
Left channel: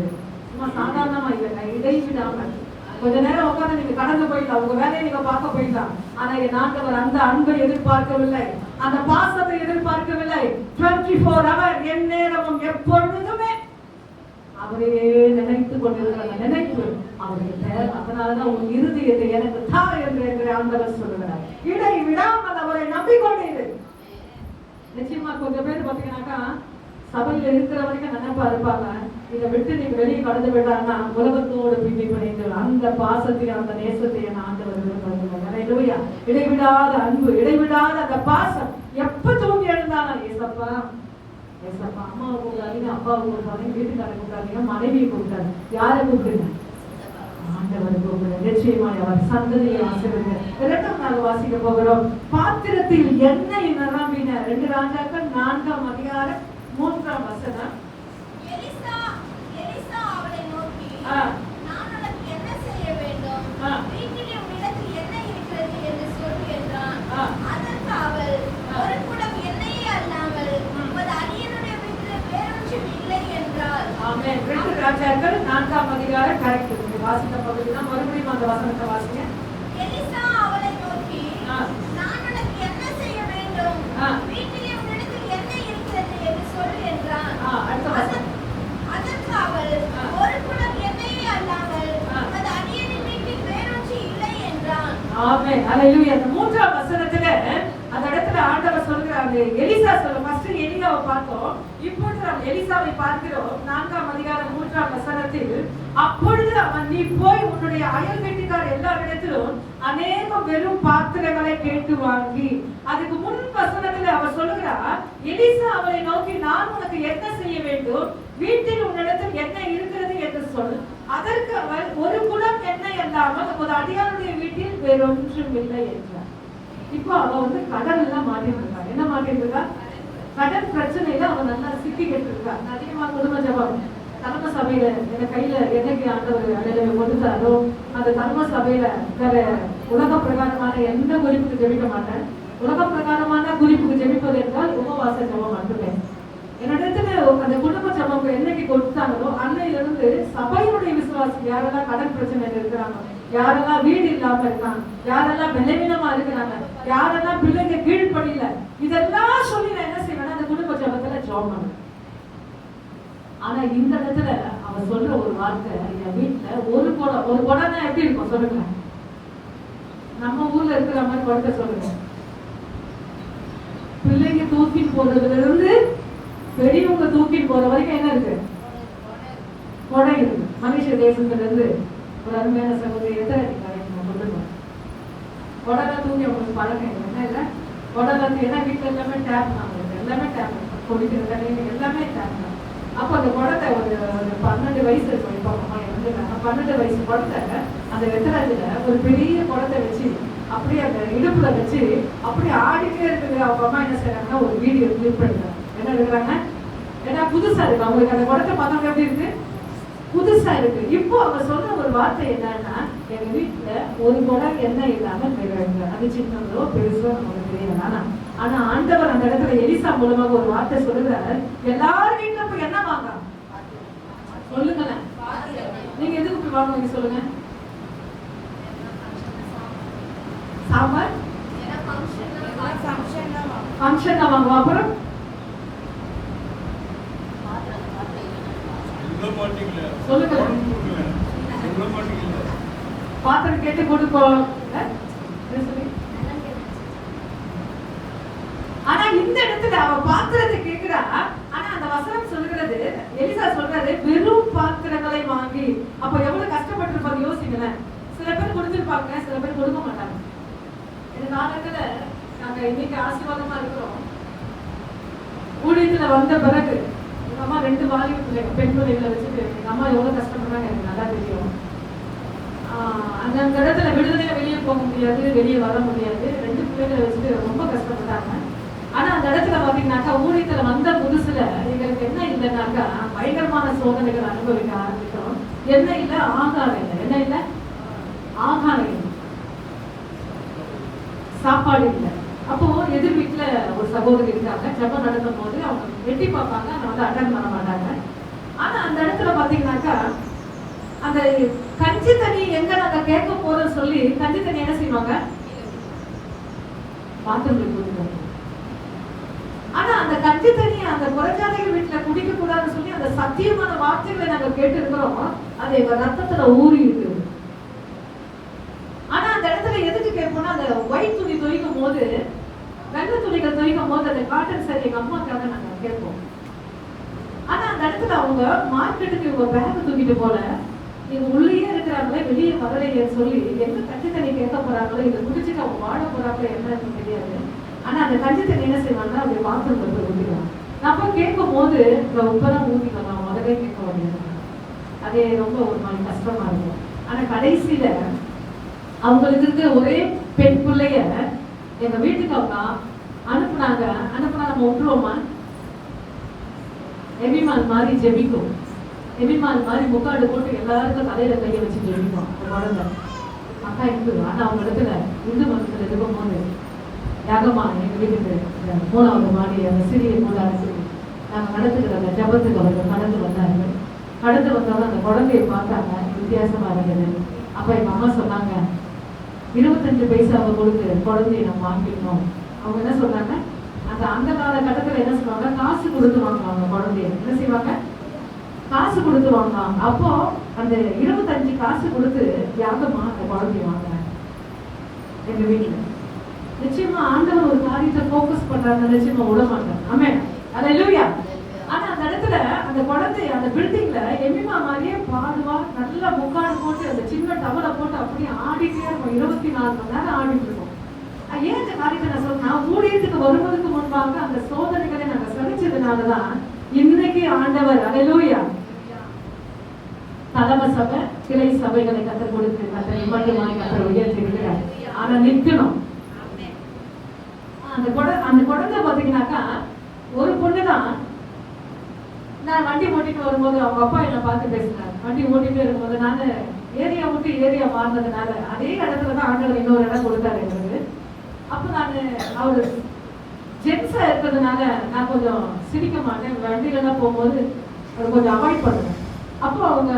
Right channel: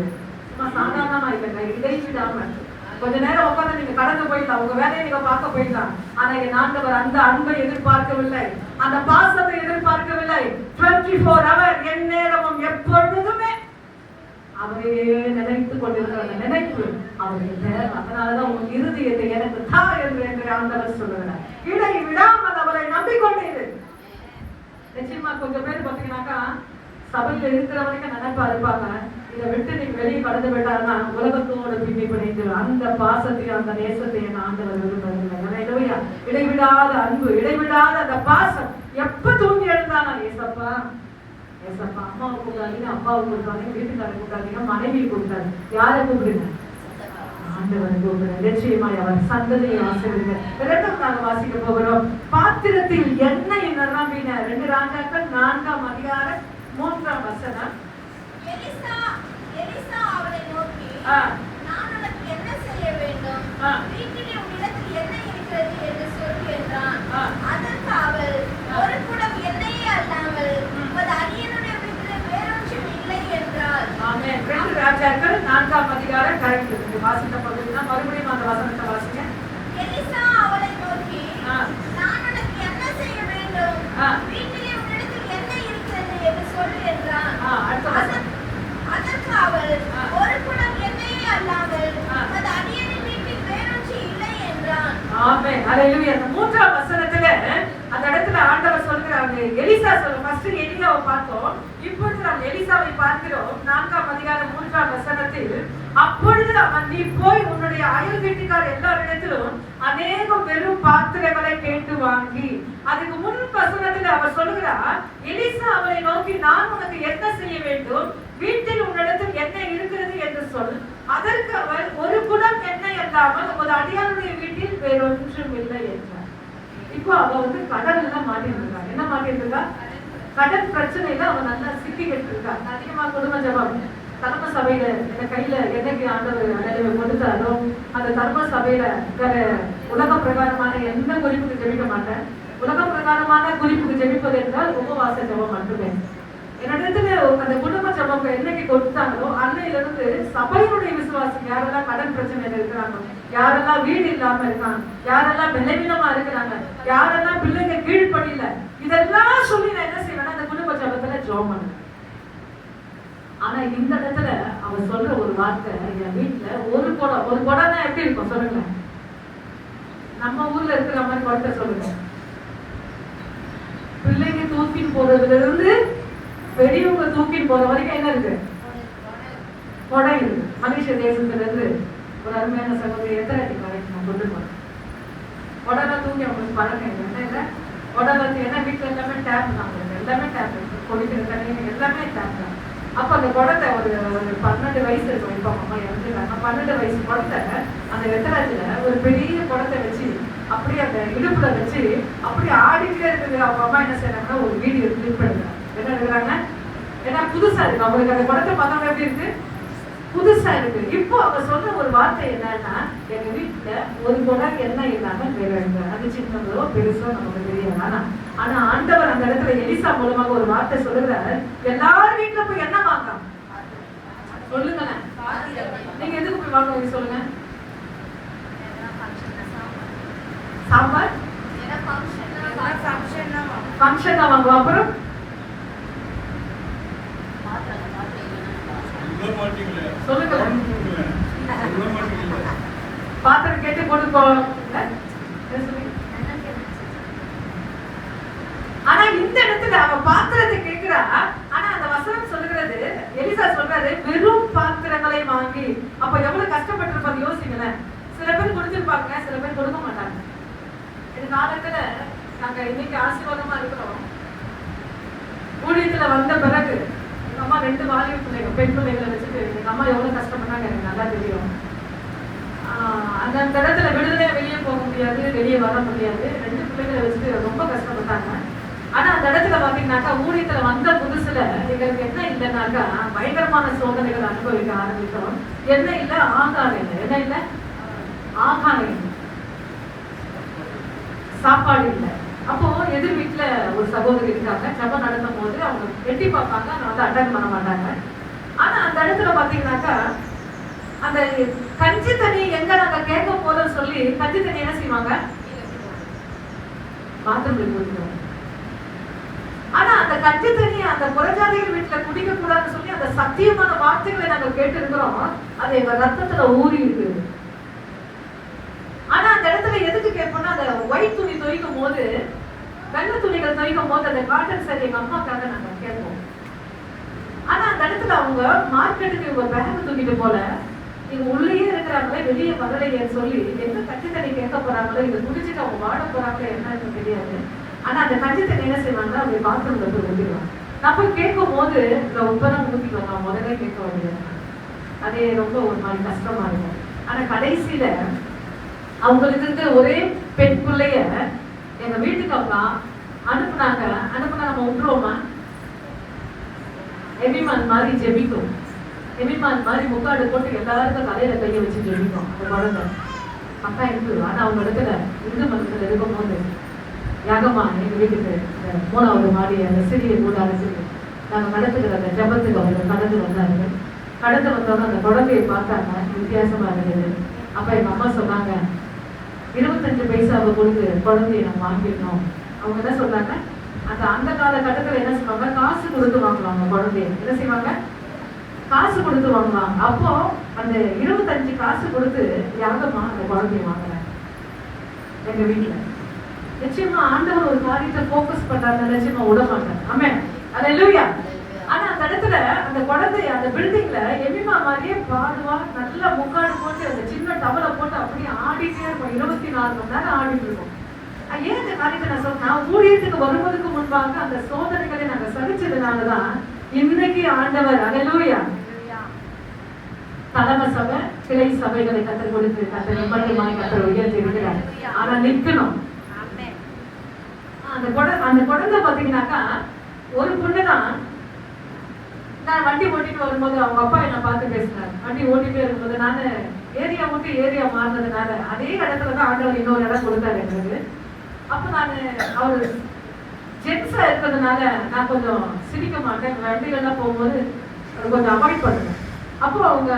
சும்மா சாதாரணமா இல்லைங்க, இடைவிடாமல். கொஞ்ச நேரம் உட்காந்து நீங்க கடந்து போயிடலாம், உங்க வேலையை நீங்க பார்க்க போயிடலாம். ஆனா என் ஆண்டவர் அந்த அன்பை எதிர்பார்க்கவில்லை, அந்த பாசத்தை எதிர்பார்க்கவில்லை. 24 hour என் நேரமும் எப்பொழுதுமே அவரையே நினைத்துக் கொண்டிருக்கிற அந்த நினைப்பு அவருக்கு தேவை. அதனாலதான் உன் இருதயத்தை எனக்கு தா என்று ஆண்டவர் சொல்லுகிறார். இடை விடாமல் அவரை நம்பிக்கொண்டீர்கள். நிச்சயமா கொஞ்சம் பேர் பாத்தீங்கன்னாக்கா சபையில இருக்கிற வரைக்கும் நினைப்பா இருப்பாங்க, இதை விட்டு நீங்க வெளியே கடந்து விட்டாருன்னா உலகத்தோடு பின்னி பிணைந்து அந்த பாசத்தை அந்த நேசத்தை என் ஆண்டவர் விரும்புகிறார். இடைவிடாத அன்பு, இடைவிடாத அந்த பாசம். எப்ப தூங்கி எழுந்தானா ஏசப்பா ஏசப்பா. அம்மாவை கூப்பிடாதீங்க, அப்பாவை கூப்பிடாதீங்க, வீட்டுக்காரரை கூப்பிடாதீங்க, மனைவியை கூப்பிடாது, யாரை கூப்பிடுங்க? ஆண்டவரை கூப்பிடுங்க. நிச்சயமாய் அவர் சந்ததியை ஆசீர்வதிங்க. இரண்டாம் நாள் வாசிக்க போகிறோம். பாத்திரத்தில் எண்ணெய் நிரம்பின. 2 ராஜாக்கள் 4ஆம் அதிகாரம் 3ஆம் வசனம். எலிசா அவளை நோக்கி, நான் உனக்கு என்ன செய்ய வேண்டும்? வீட்டிலே உன்னிடத்தில் என்ன இருக்கிறது என்று சொல் என்றான். அதற்கு அவள், ஒரு குடம் எண்ணெயே அல்லாமல் உமது அடியனுடைய வீட்டிலே வேறொன்றும் இல்லை என்றாள். ஆமென். 2 ராஜாக்கள் 4ஆம் அதிகாரம் கரெக்ட் இருக்கு. வாசித்த பகுதி தான். மறுபடியும் அந்த வசனத்தை வாசிங்க. எலிசா அவளை நோக்கி, நான் உனக்கு என்ன செய்ய வேண்டும்? வீட்டிலே உன்னிடத்தில் என்ன இருக்கிறது என்று சொல் என்றான். அதற்கு அவள், ஒரு குடம் எண்ணெயே அல்லாமல் உமது அடியனின் வீட்டில் வேறொன்றும் இல்லை என்றான். ஆமென். ஹல்லேலூயா. 3ஆம் வசனத்துல அந்த இடத்துல ஆண்டவர் சொல்றாங்க, எலிசா சொல்ற ஃபர்ஸ்ட் எலியாவை பார்த்தோம், இப்பொழுது நாம் எலிசாவை பார்க்கிறோம். 4ஆம் அதிகாரம் 3ஆம் வசனத்தில், அப்பொழுது அவன், நீ போய் உன்னுடைய அயல் வீட்டுக்கார் எல்லாரிடத்திலும் அநேகம் வெறும் பாத்திரங்களை கேட்டு வாங்கி. அதுக்கு முன் வசனத்தில் அவர் சொல்லுகிறார், எலிசா அவரை நோக்கி, நான் உனக்கு என்ன செய்ய வேண்டும்? வீட்டில் உன்னிடத்தில் என்ன இருக்கிறது என்று சொல். அதற்கு அவர், ஒரு குடம் எண்ணெய் அல்லாமல் உமது அடியானுடைய வீட்டில் வேறொன்றும் இல்லை என்றார். இப்போ அவ கடன் எல்லாம் மாட்டிட்டு இருக்கா. என்ன மாட்டிட்டு இருக்கா? கடன் பிரச்சனையில அவன் நல்லா சிக்கிக்கிட்டு இருக்கா. அதிகமா குடும்ப ஜபம் தர்ம சபையில என் கையில என்னைக்கு ஆண்டவர் அடையாள கொடுத்தாரோ அந்த தர்ம சபையில உலக பிரகாரமான எந்த குறிப்புக்கு ஜெபிக்க மாட்டேன். உலக பிரகாரமான குறிப்புக்கு ஜெபிப்பது என்றால் உபவாச ஜபம் மட்டுமே. என்னிடத்துல அந்த குடும்ப ஜபம் என்னைக்கு கொடுத்தாங்களோ அன்னையில இருந்து சபையினுடைய விசுவாசி யாரெல்லாம் கடன் பிரச்சனையில இருக்கிறாங்க, யாரெல்லாம் வீடு இல்லாம இருக்காங்க, யாரெல்லாம் பலவீனமா இருக்கிறாங்க, யாரெல்லாம் பிள்ளைங்க கீழ்ப்படியில, இதெல்லாம் சொல்லி நான் என்ன செய்வேன்? அந்த குடும்ப ஜபத்துல ஜெபம் பண்ணுவேன். ஆனா இந்த இடத்துல அவன் சொல்ற ஒரு வார்த்தை, என் வீட்டுல ஒரு குடம்னா எப்படி இருக்கும் சொல்லுங்க? நம்ம ஊர்ல இருக்கிற மாதிரி குடத்தை சொல்லுங்க. பிள்ளைங்க தூக்கி போறதுல இருந்து பெரியவங்க தூக்கி போற வரைக்கும் என்ன இருக்கு? குடம் இருக்கு. மனுஷ தேசத்துல இருந்து ஒரு அருமையான சகோதரி எத்தனை நான் சொல்லுவேன், உடனே தூங்கி அவங்களுக்கு பழக்கம் என்ன இல்லை. உடனே ஏன்னா வீட்டுல எல்லாமே டேப் தான், அவங்களுக்கு எல்லாமே டேப், குடிக்கிற தண்ணி எல்லாமே டேப் தான். அப்ப அந்த குடத்தை ஒரு 12 வயசு இருக்கும். இப்போ அம்மா இறந்துட்டாங்க. 12 வயசு குடத்தை அந்த வெத்தராஜில ஒரு பெரிய குடத்தை வச்சு அப்படியே அந்த இடுப்புல வச்சு அப்படியே ஆடிட்டே இருக்குது. அவங்க அம்மா என்ன செய்யறாங்கன்னா ஒரு வீடியோ கிளிப் எடுக்கிறாங்க. என்ன எடுக்கிறாங்க? ஏன்னா புதுசா இருக்கு அவங்களுக்கு. அந்த குடத்தை பார்த்தவங்க எப்படி இருக்கு? புதுசா இருக்கு. இப்போ அவங்க சொல்ற ஒரு வார்த்தை என்னன்னா, எங்க வீட்டுல ஒரு குடம் எண்ணெய் இல்லாம வேறாங்க. அது சின்னதோ பெருசோ நமக்கு தெரியல. ஆனா ஆண்டவர் அந்த இடத்துல எலிசா மூலமாக ஒரு வார்த்தை சொல்லுகிறார், எல்லாரும் வீட்டுல போய் என்ன வாங்க சொல்லுங்களேன். நீங்க எதுக்கு போய் வாங்குவீங்க சொல்லுங்க? சாம்பார் ஃபங்க்ஷன் தான் வாங்குவோம். அப்புறம் சொல்லுங்க. பாத்திரம் கேட்டு கொடுப்போம். ஆனா இந்த இடத்துல அவ பாத்திரத்தை கேட்கிறா. ஆனா அந்த வசனம் சொல்லுகிறது, எலிசா சொல்றாரு வெறும் பாத்திரங்களை வாங்கி. அப்ப எவ்வளவு கஷ்டப்பட்டிருப்பாரு யோசிங்களேன். சில பேர் கொடுத்திருப்பாங்க, சில பேர் கொடுக்க மாட்டாங்க. இந்த காலத்துல நாங்க இன்னைக்கு ஆசீர்வாதமா இருக்கிறோம். ஊழியத்துல வந்த பிறகு எங்க அம்மா 2 வாலிப பிள்ளைங்க, பெண் பிள்ளைகளை வச்சுட்டு எங்க அம்மா எவ்வளவு கஷ்டப்பட்டாங்க எனக்கு நல்லா தெரியும். அந்த இடத்துல விடுதலை வெளியே போக முடியாது, வெளியே வர முடியாது. 2 பிள்ளைகளை வச்சுட்டு ரொம்ப கஷ்டப்பட்டாங்க. ஆனா அந்த இடத்துல பாத்தீங்கன்னாக்கா ஊழியத்துல வந்த புதுசுல எங்களுக்கு என்ன இல்லைனாக்கா பயங்கரமான சோதனைகள் அனுபவிக்க ஆரம்பிக்கிறோம். என்ன இல்ல, ஆகாரம் இல்லை. என்ன இல்ல, ஆகாரம் இல்லை, சாப்பாடு இல்லை. அப்போ எதிர் வீட்டுல ஒரு சகோதரி இருக்காங்க. ஜபம் நடத்தும் போது அவங்க எட்டி பார்ப்பாங்க, அதை வந்து அட்டன் பண்ண மாட்டாங்க. ஆனா அந்த இடத்துல பாத்தீங்கன்னாக்கா அந்த கஞ்சி தண்ணி எங்க நாங்க கேட்க போதும் சொல்லி கஞ்சி தண்ணி என்ன செய்வாங்க, பாத்ரூம்ல குடிப்போம். ஆனா அந்த கஞ்சி தண்ணி அந்த புறஜாதிகள் வீட்டுல குடிக்க கூடாதுன்னு சொல்லி அந்த சத்தியமான வார்த்தைகளை நாங்க கேட்டு இருக்கிறோம். அது எங்க ரத்தத்துல ஊறி இருக்கு. ஆனா அந்த இடத்துல எதுக்கு கேட்போம்னா, அந்த ஒயிட் துணி துவைக்கும் போது, வெள்ளை துணிகள் துவைக்கும் போது அந்த காட்டன் சரி எங்க அம்மாக்காக நாங்க கேட்போம். ஆனா அந்த இடத்துல அவங்க மார்க்கெட்டுக்கு இவங்க பேக் தூக்கிட்டு போல, இவங்க உள்ளேயே இருக்கிறாங்களே வெளியே வரலையேன்னு சொல்லி எங்க கஞ்சி தண்ணி கேட்க போறாங்களோ, இதை குடிச்சுட்டு அவங்க வாழ போறாங்களோ என்னன்னு தெரியாது. ஆனா அந்த கஞ்சி தண்ணி என்ன செய்வாங்க, அப்படி பாத்ரூம்ல போய் ஊற்றிடுவாங்க. நான் போய் கேட்கும் போது உப்பெல்லாம் ஊற்றிடுவாங்க. அவங்க முதலே கேட்க வேண்டியது. அதே ரொம்ப ஒரு மாதிரி கஷ்டமா இருக்கும். ஆனா கடைசியில அவங்களுக்கு இருக்க ஒரே பெண் பிள்ளைய எங்க வீட்டுக்கு அவங்க அனுப்புனாங்க. அனுப்புனா நம்ம விட்டுருவோமா? எபிமான் மாதிரி ஜெபிக்கும். எபிமான் மாதிரி முக்காடு போட்டு எல்லாருக்கும் தலையில கையை வச்சு ஜெபிக்கும். அந்த குழந்தை அக்கா இருக்கு. ஆனா அவங்க இடத்துல இந்து மதத்துல இருக்கும் போது யாகமா எங்க வீட்டுக்கு 3வது மாடி அந்த சிறிய கூடாரத்து நாங்க நடத்துக்கிற அந்த ஜபத்துக்கு அவங்க கடந்து வந்தாங்க. கடந்து வந்தோட அந்த குழந்தையை பார்த்தாங்க, வித்தியாசமா இருந்தது. அப்ப எங்க அம்மா சொன்னாங்க, 25 பைசாவை கொடுத்து குழந்தைய நம்ம வாங்கிடணும். அவங்க என்ன சொல்றாங்க, அந்த காலகட்டத்துல என்ன செய்வாங்க, காசு கொடுத்து வாங்குவாங்க. குழந்தைய என்ன செய்வாங்க, காசு கொடுத்து வாங்குவாங்க. அப்போ அந்த 25 காசு கொடுத்து யாகமா அந்த குழந்தைய வாங்குறாங்க எங்க வீட்டுல. நிச்சயமா ஆண்டவர் ஒரு காரியத்தை போக்கஸ் பண்றாங்க, நிச்சயமா விட மாட்டாங்க. ஆமென், அல்லேலூயா. ஆனா அந்த இடத்துல அந்த குழந்தை அந்த பில்டிங்ல எமிமா மாதிரியே பாடுவா, நல்லா முக்காடு போட்டு அந்த சின்ன டவலை போட்டு அப்படியே ஆடிட்டே இருக்கும். 24 மணி நேரம் ஆடிட்டு இருக்கும். ஏன் இந்த காரியத்தை நான் சொல்றேன், நான் ஊழியத்துக்கு வருவதற்கு முன்பாக அந்த சோதனைகளை நாங்க சகிச்சதுனாலதான் இன்னைக்கு ஆண்டவர் அல்லேலூயா தலைமை சபை கிளை சபைகளை கற்றுக் கொடுத்து கத்தர் உயர்த்தி இருக்கிறார். ஆனா நிக்கணும். அந்த குழந்தை பாத்தீங்கன்னாக்கா ஒரு பொண்ணுதான். நான் வண்டி ஓட்டிட்டு வரும்போது அவங்க அப்பா என்ன பார்த்து பேசினார். வண்டி ஓட்டிட்டே இருக்கும்போது நானு ஏரியா விட்டு ஏரியா மாறினதுனால அதே இடத்துலதான் ஆண்டவர் இன்னொரு இடம் கொடுத்தாரு எனக்கு. அப்ப நானு அவரு ஜென்ஸா இருக்கிறதுனால நான் கொஞ்சம் சிரிக்க மாட்டேன். வண்டிகள்லாம் போகும்போது கொஞ்சம் அவாய்ட் பண்ணுவேன். அப்போ அவங்க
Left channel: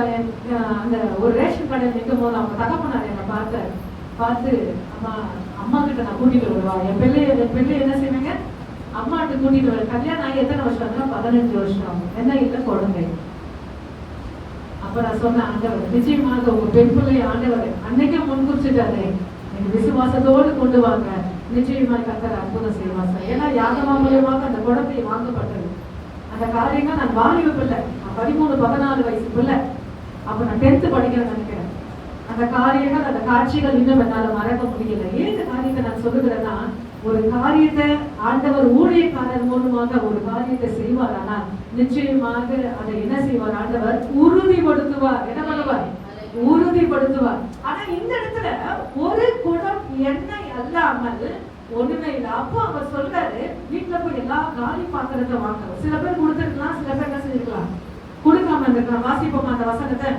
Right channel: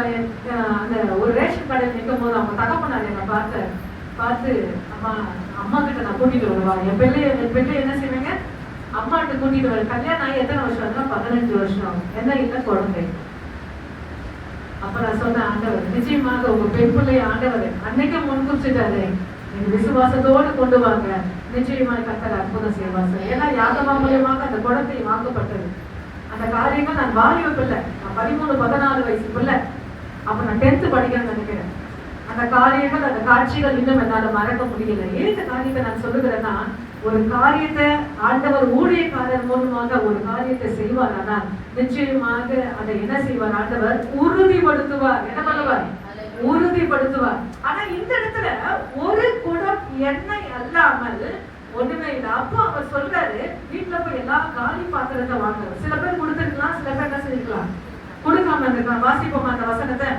அந்த ஒரு ரேஷன் கடையில் நிற்கும் போது அவங்க தகப்பனார் என்னை பார்த்து அம்மா கிட்ட நான் கூட்டிட்டு வருவா, என் பிள்ளைய என்ன செய்வேங்க, அம்மாட்ட கூட்டிட்டு வர. கல்யாணம் ஆகி எத்தனை வருஷம்? 15 வருஷம். என்ன இல்லை, குழந்தை. அப்ப நான் சொன்னேன், ஆண்டவர் நிச்சயமாக உங்க பெண் பிள்ளைய ஆண்டவர் அன்னைக்கே முன்குறிச்சிட்டாரு, எங்க விசுவாசத்தோடு கொண்டு வாங்க, நிச்சயமாக கர்த்தர் அற்புதம் செய்வாங்க. ஏன்னா யாகமா மூலியமாக அந்த குழந்தை வாங்கப்பட்டது. அந்த காரியங்கள் நான் வாலிப பிள்ளை, 13-14 வயசு பிள்ளை. அப்ப நான் 10th படிக்கிறேன்னு நினைக்கிறேன். அந்த காரியங்கள் அந்த காட்சிகள் இன்னும் என்னால மறக்க முடியல. ஏன் இந்த காரியத்தை நான் சொல்லுகிறேன்னா, ஒரு காரியத்தை ஆண்டவர் ஊழியக்காரர் மூலமாக ஒரு காரியத்தை செய்வார். ஆனால் நிச்சயமாக அதை என்ன செய்வார், ஆண்டவர் உறுதிப்படுத்துவார். என்ன பண்ணுவார், உறுதிப்படுத்துவார். ஆனா இந்த இடத்துல ஒரு குடம் எண்ணெய் அல்லாமல் ஒண்ணுமே இல்லை. அப்போ அவர் சொல்றாரு, வீட்டுல போய் எல்லா காலி பாத்திரத்தை வாங்குறது. சில பேர் கொடுத்துருக்கலாம், சில பேர் என்ன செஞ்சிருக்கலாம், கொடுக்காம இருந்திருக்கலாம். வாசிப்போமா அந்த வசனத்தை?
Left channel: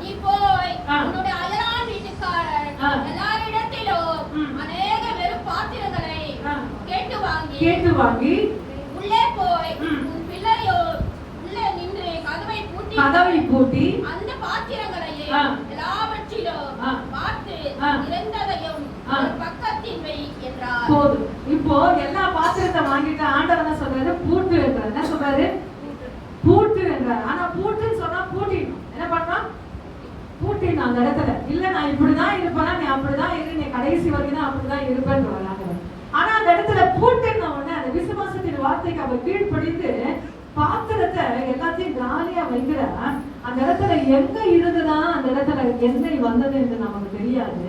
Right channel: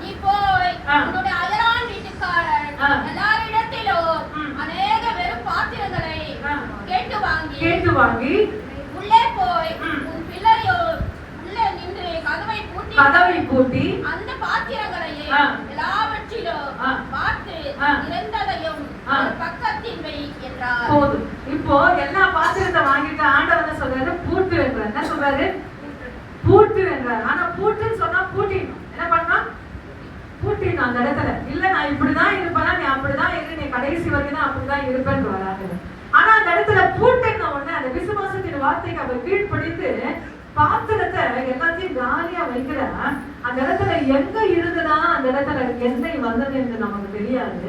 நீ போய் உன்னுடைய அயலான் வீட்டுக்காரர் எல்லாரிடத்திலும் அநேக வெறும் பாத்திரங்களை கேட்டு வாங்கி உள்ளே போய் உன் பிள்ளையோ உள்ளே நின்று கதவை பூட்டி அந்த பாத்திரங்களையே எல்லாவற்றிலும் பார்த்து இறந்ததையும் பக்கத்தில் வை என்றார். போதும். இப்போ எல்லா பாத்திரத்தை வாங்கிட்டு ஆண்டவர் என்ன சொல்றாரு, பூட்டு என்றார். என்ன சொல்றாரு, பூட்டு என்றார். ஆனா பூட்டுன்னு சொன்னா பூட்டிடணும். என்ன பண்ணா, பூட்டி அந்த இடத்துல இல்ல நான் இப்படிதான் இருப்பேனா, நீ அப்படிதான் இரு, நீ கடைசி வரைக்கும் தான் அப்படிதான் இருப்பேன்னு வராது. ஆனா அந்த இடத்துல பூட்டின உடனே அந்த விசுவாசத்தின் வார்த்தைக்கு அவர் கீழ்ப்படித்து பாத்திரத்தை எல்லாத்தையும் காலியா வைக்கிற அந்த இடத்துல எங்க இருந்துதான் அந்த இடத்துல எண்ணெய் வந்தது என்று நமக்கு தெரியாது.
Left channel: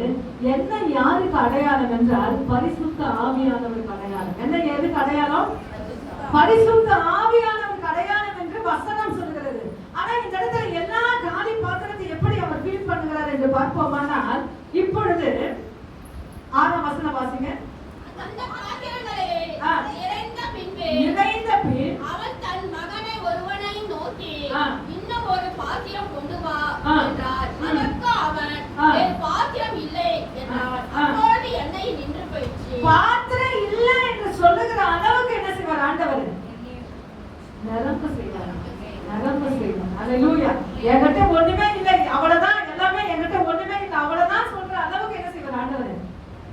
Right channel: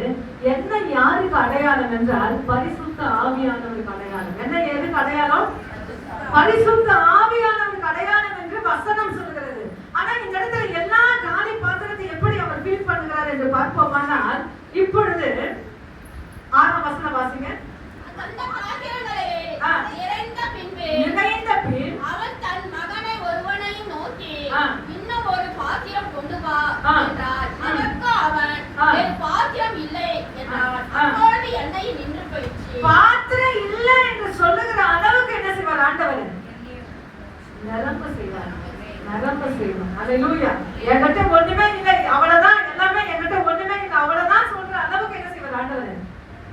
எண்ணெய் யாருக்கு அடையாளம் என்றால் பரிசுத்த ஆவியானவருக்கு அடையாளம். என்ன எதுக்கு அடையாளம்? பரிசுத்த ஆவியானவருக்கு அடையாளம் என்று வசனம் சொல்கிறது. ஆனா இந்த இடத்துல எல்லா காலி பாத்திரத்தை எப்படி அவர் ஃபீல் பண்ணுகிறார் என்று பார்ப்போமானால், இப்பொழுது 6ஆம் வசனம் வாசிங்க. அந்த பாத்திரங்களை நிறைந்த பின் அவன் தன் மகனை ஒருவனை நோக்கி, இன்னும் ஒரு பாத்திரம் கொண்டு வா என்றார். அதற்கு அவன், என் பாத்திரம் இல்லை என்றார். அப்பொழுது எண்ணெய் நின்று போயிடுச்சு. பாத்திரம் இல்லை என்று சொல்லுகிற அளவுக்கு என்ன செய்வார் ஆண்டவர்? நிரம்ப செய்வார், நிரம்ப செய்வார். அல்லேலூயா. என்கிட்ட ஒண்ணுமே இல்லை, அவ்வளவுதான், எல்லாமே என்கிட்ட ஒண்ணுமே இல்லை, அவ்வளவுதான் சொல்ற அளவுக்கு என்ன செய்வார் ஆண்டவர்?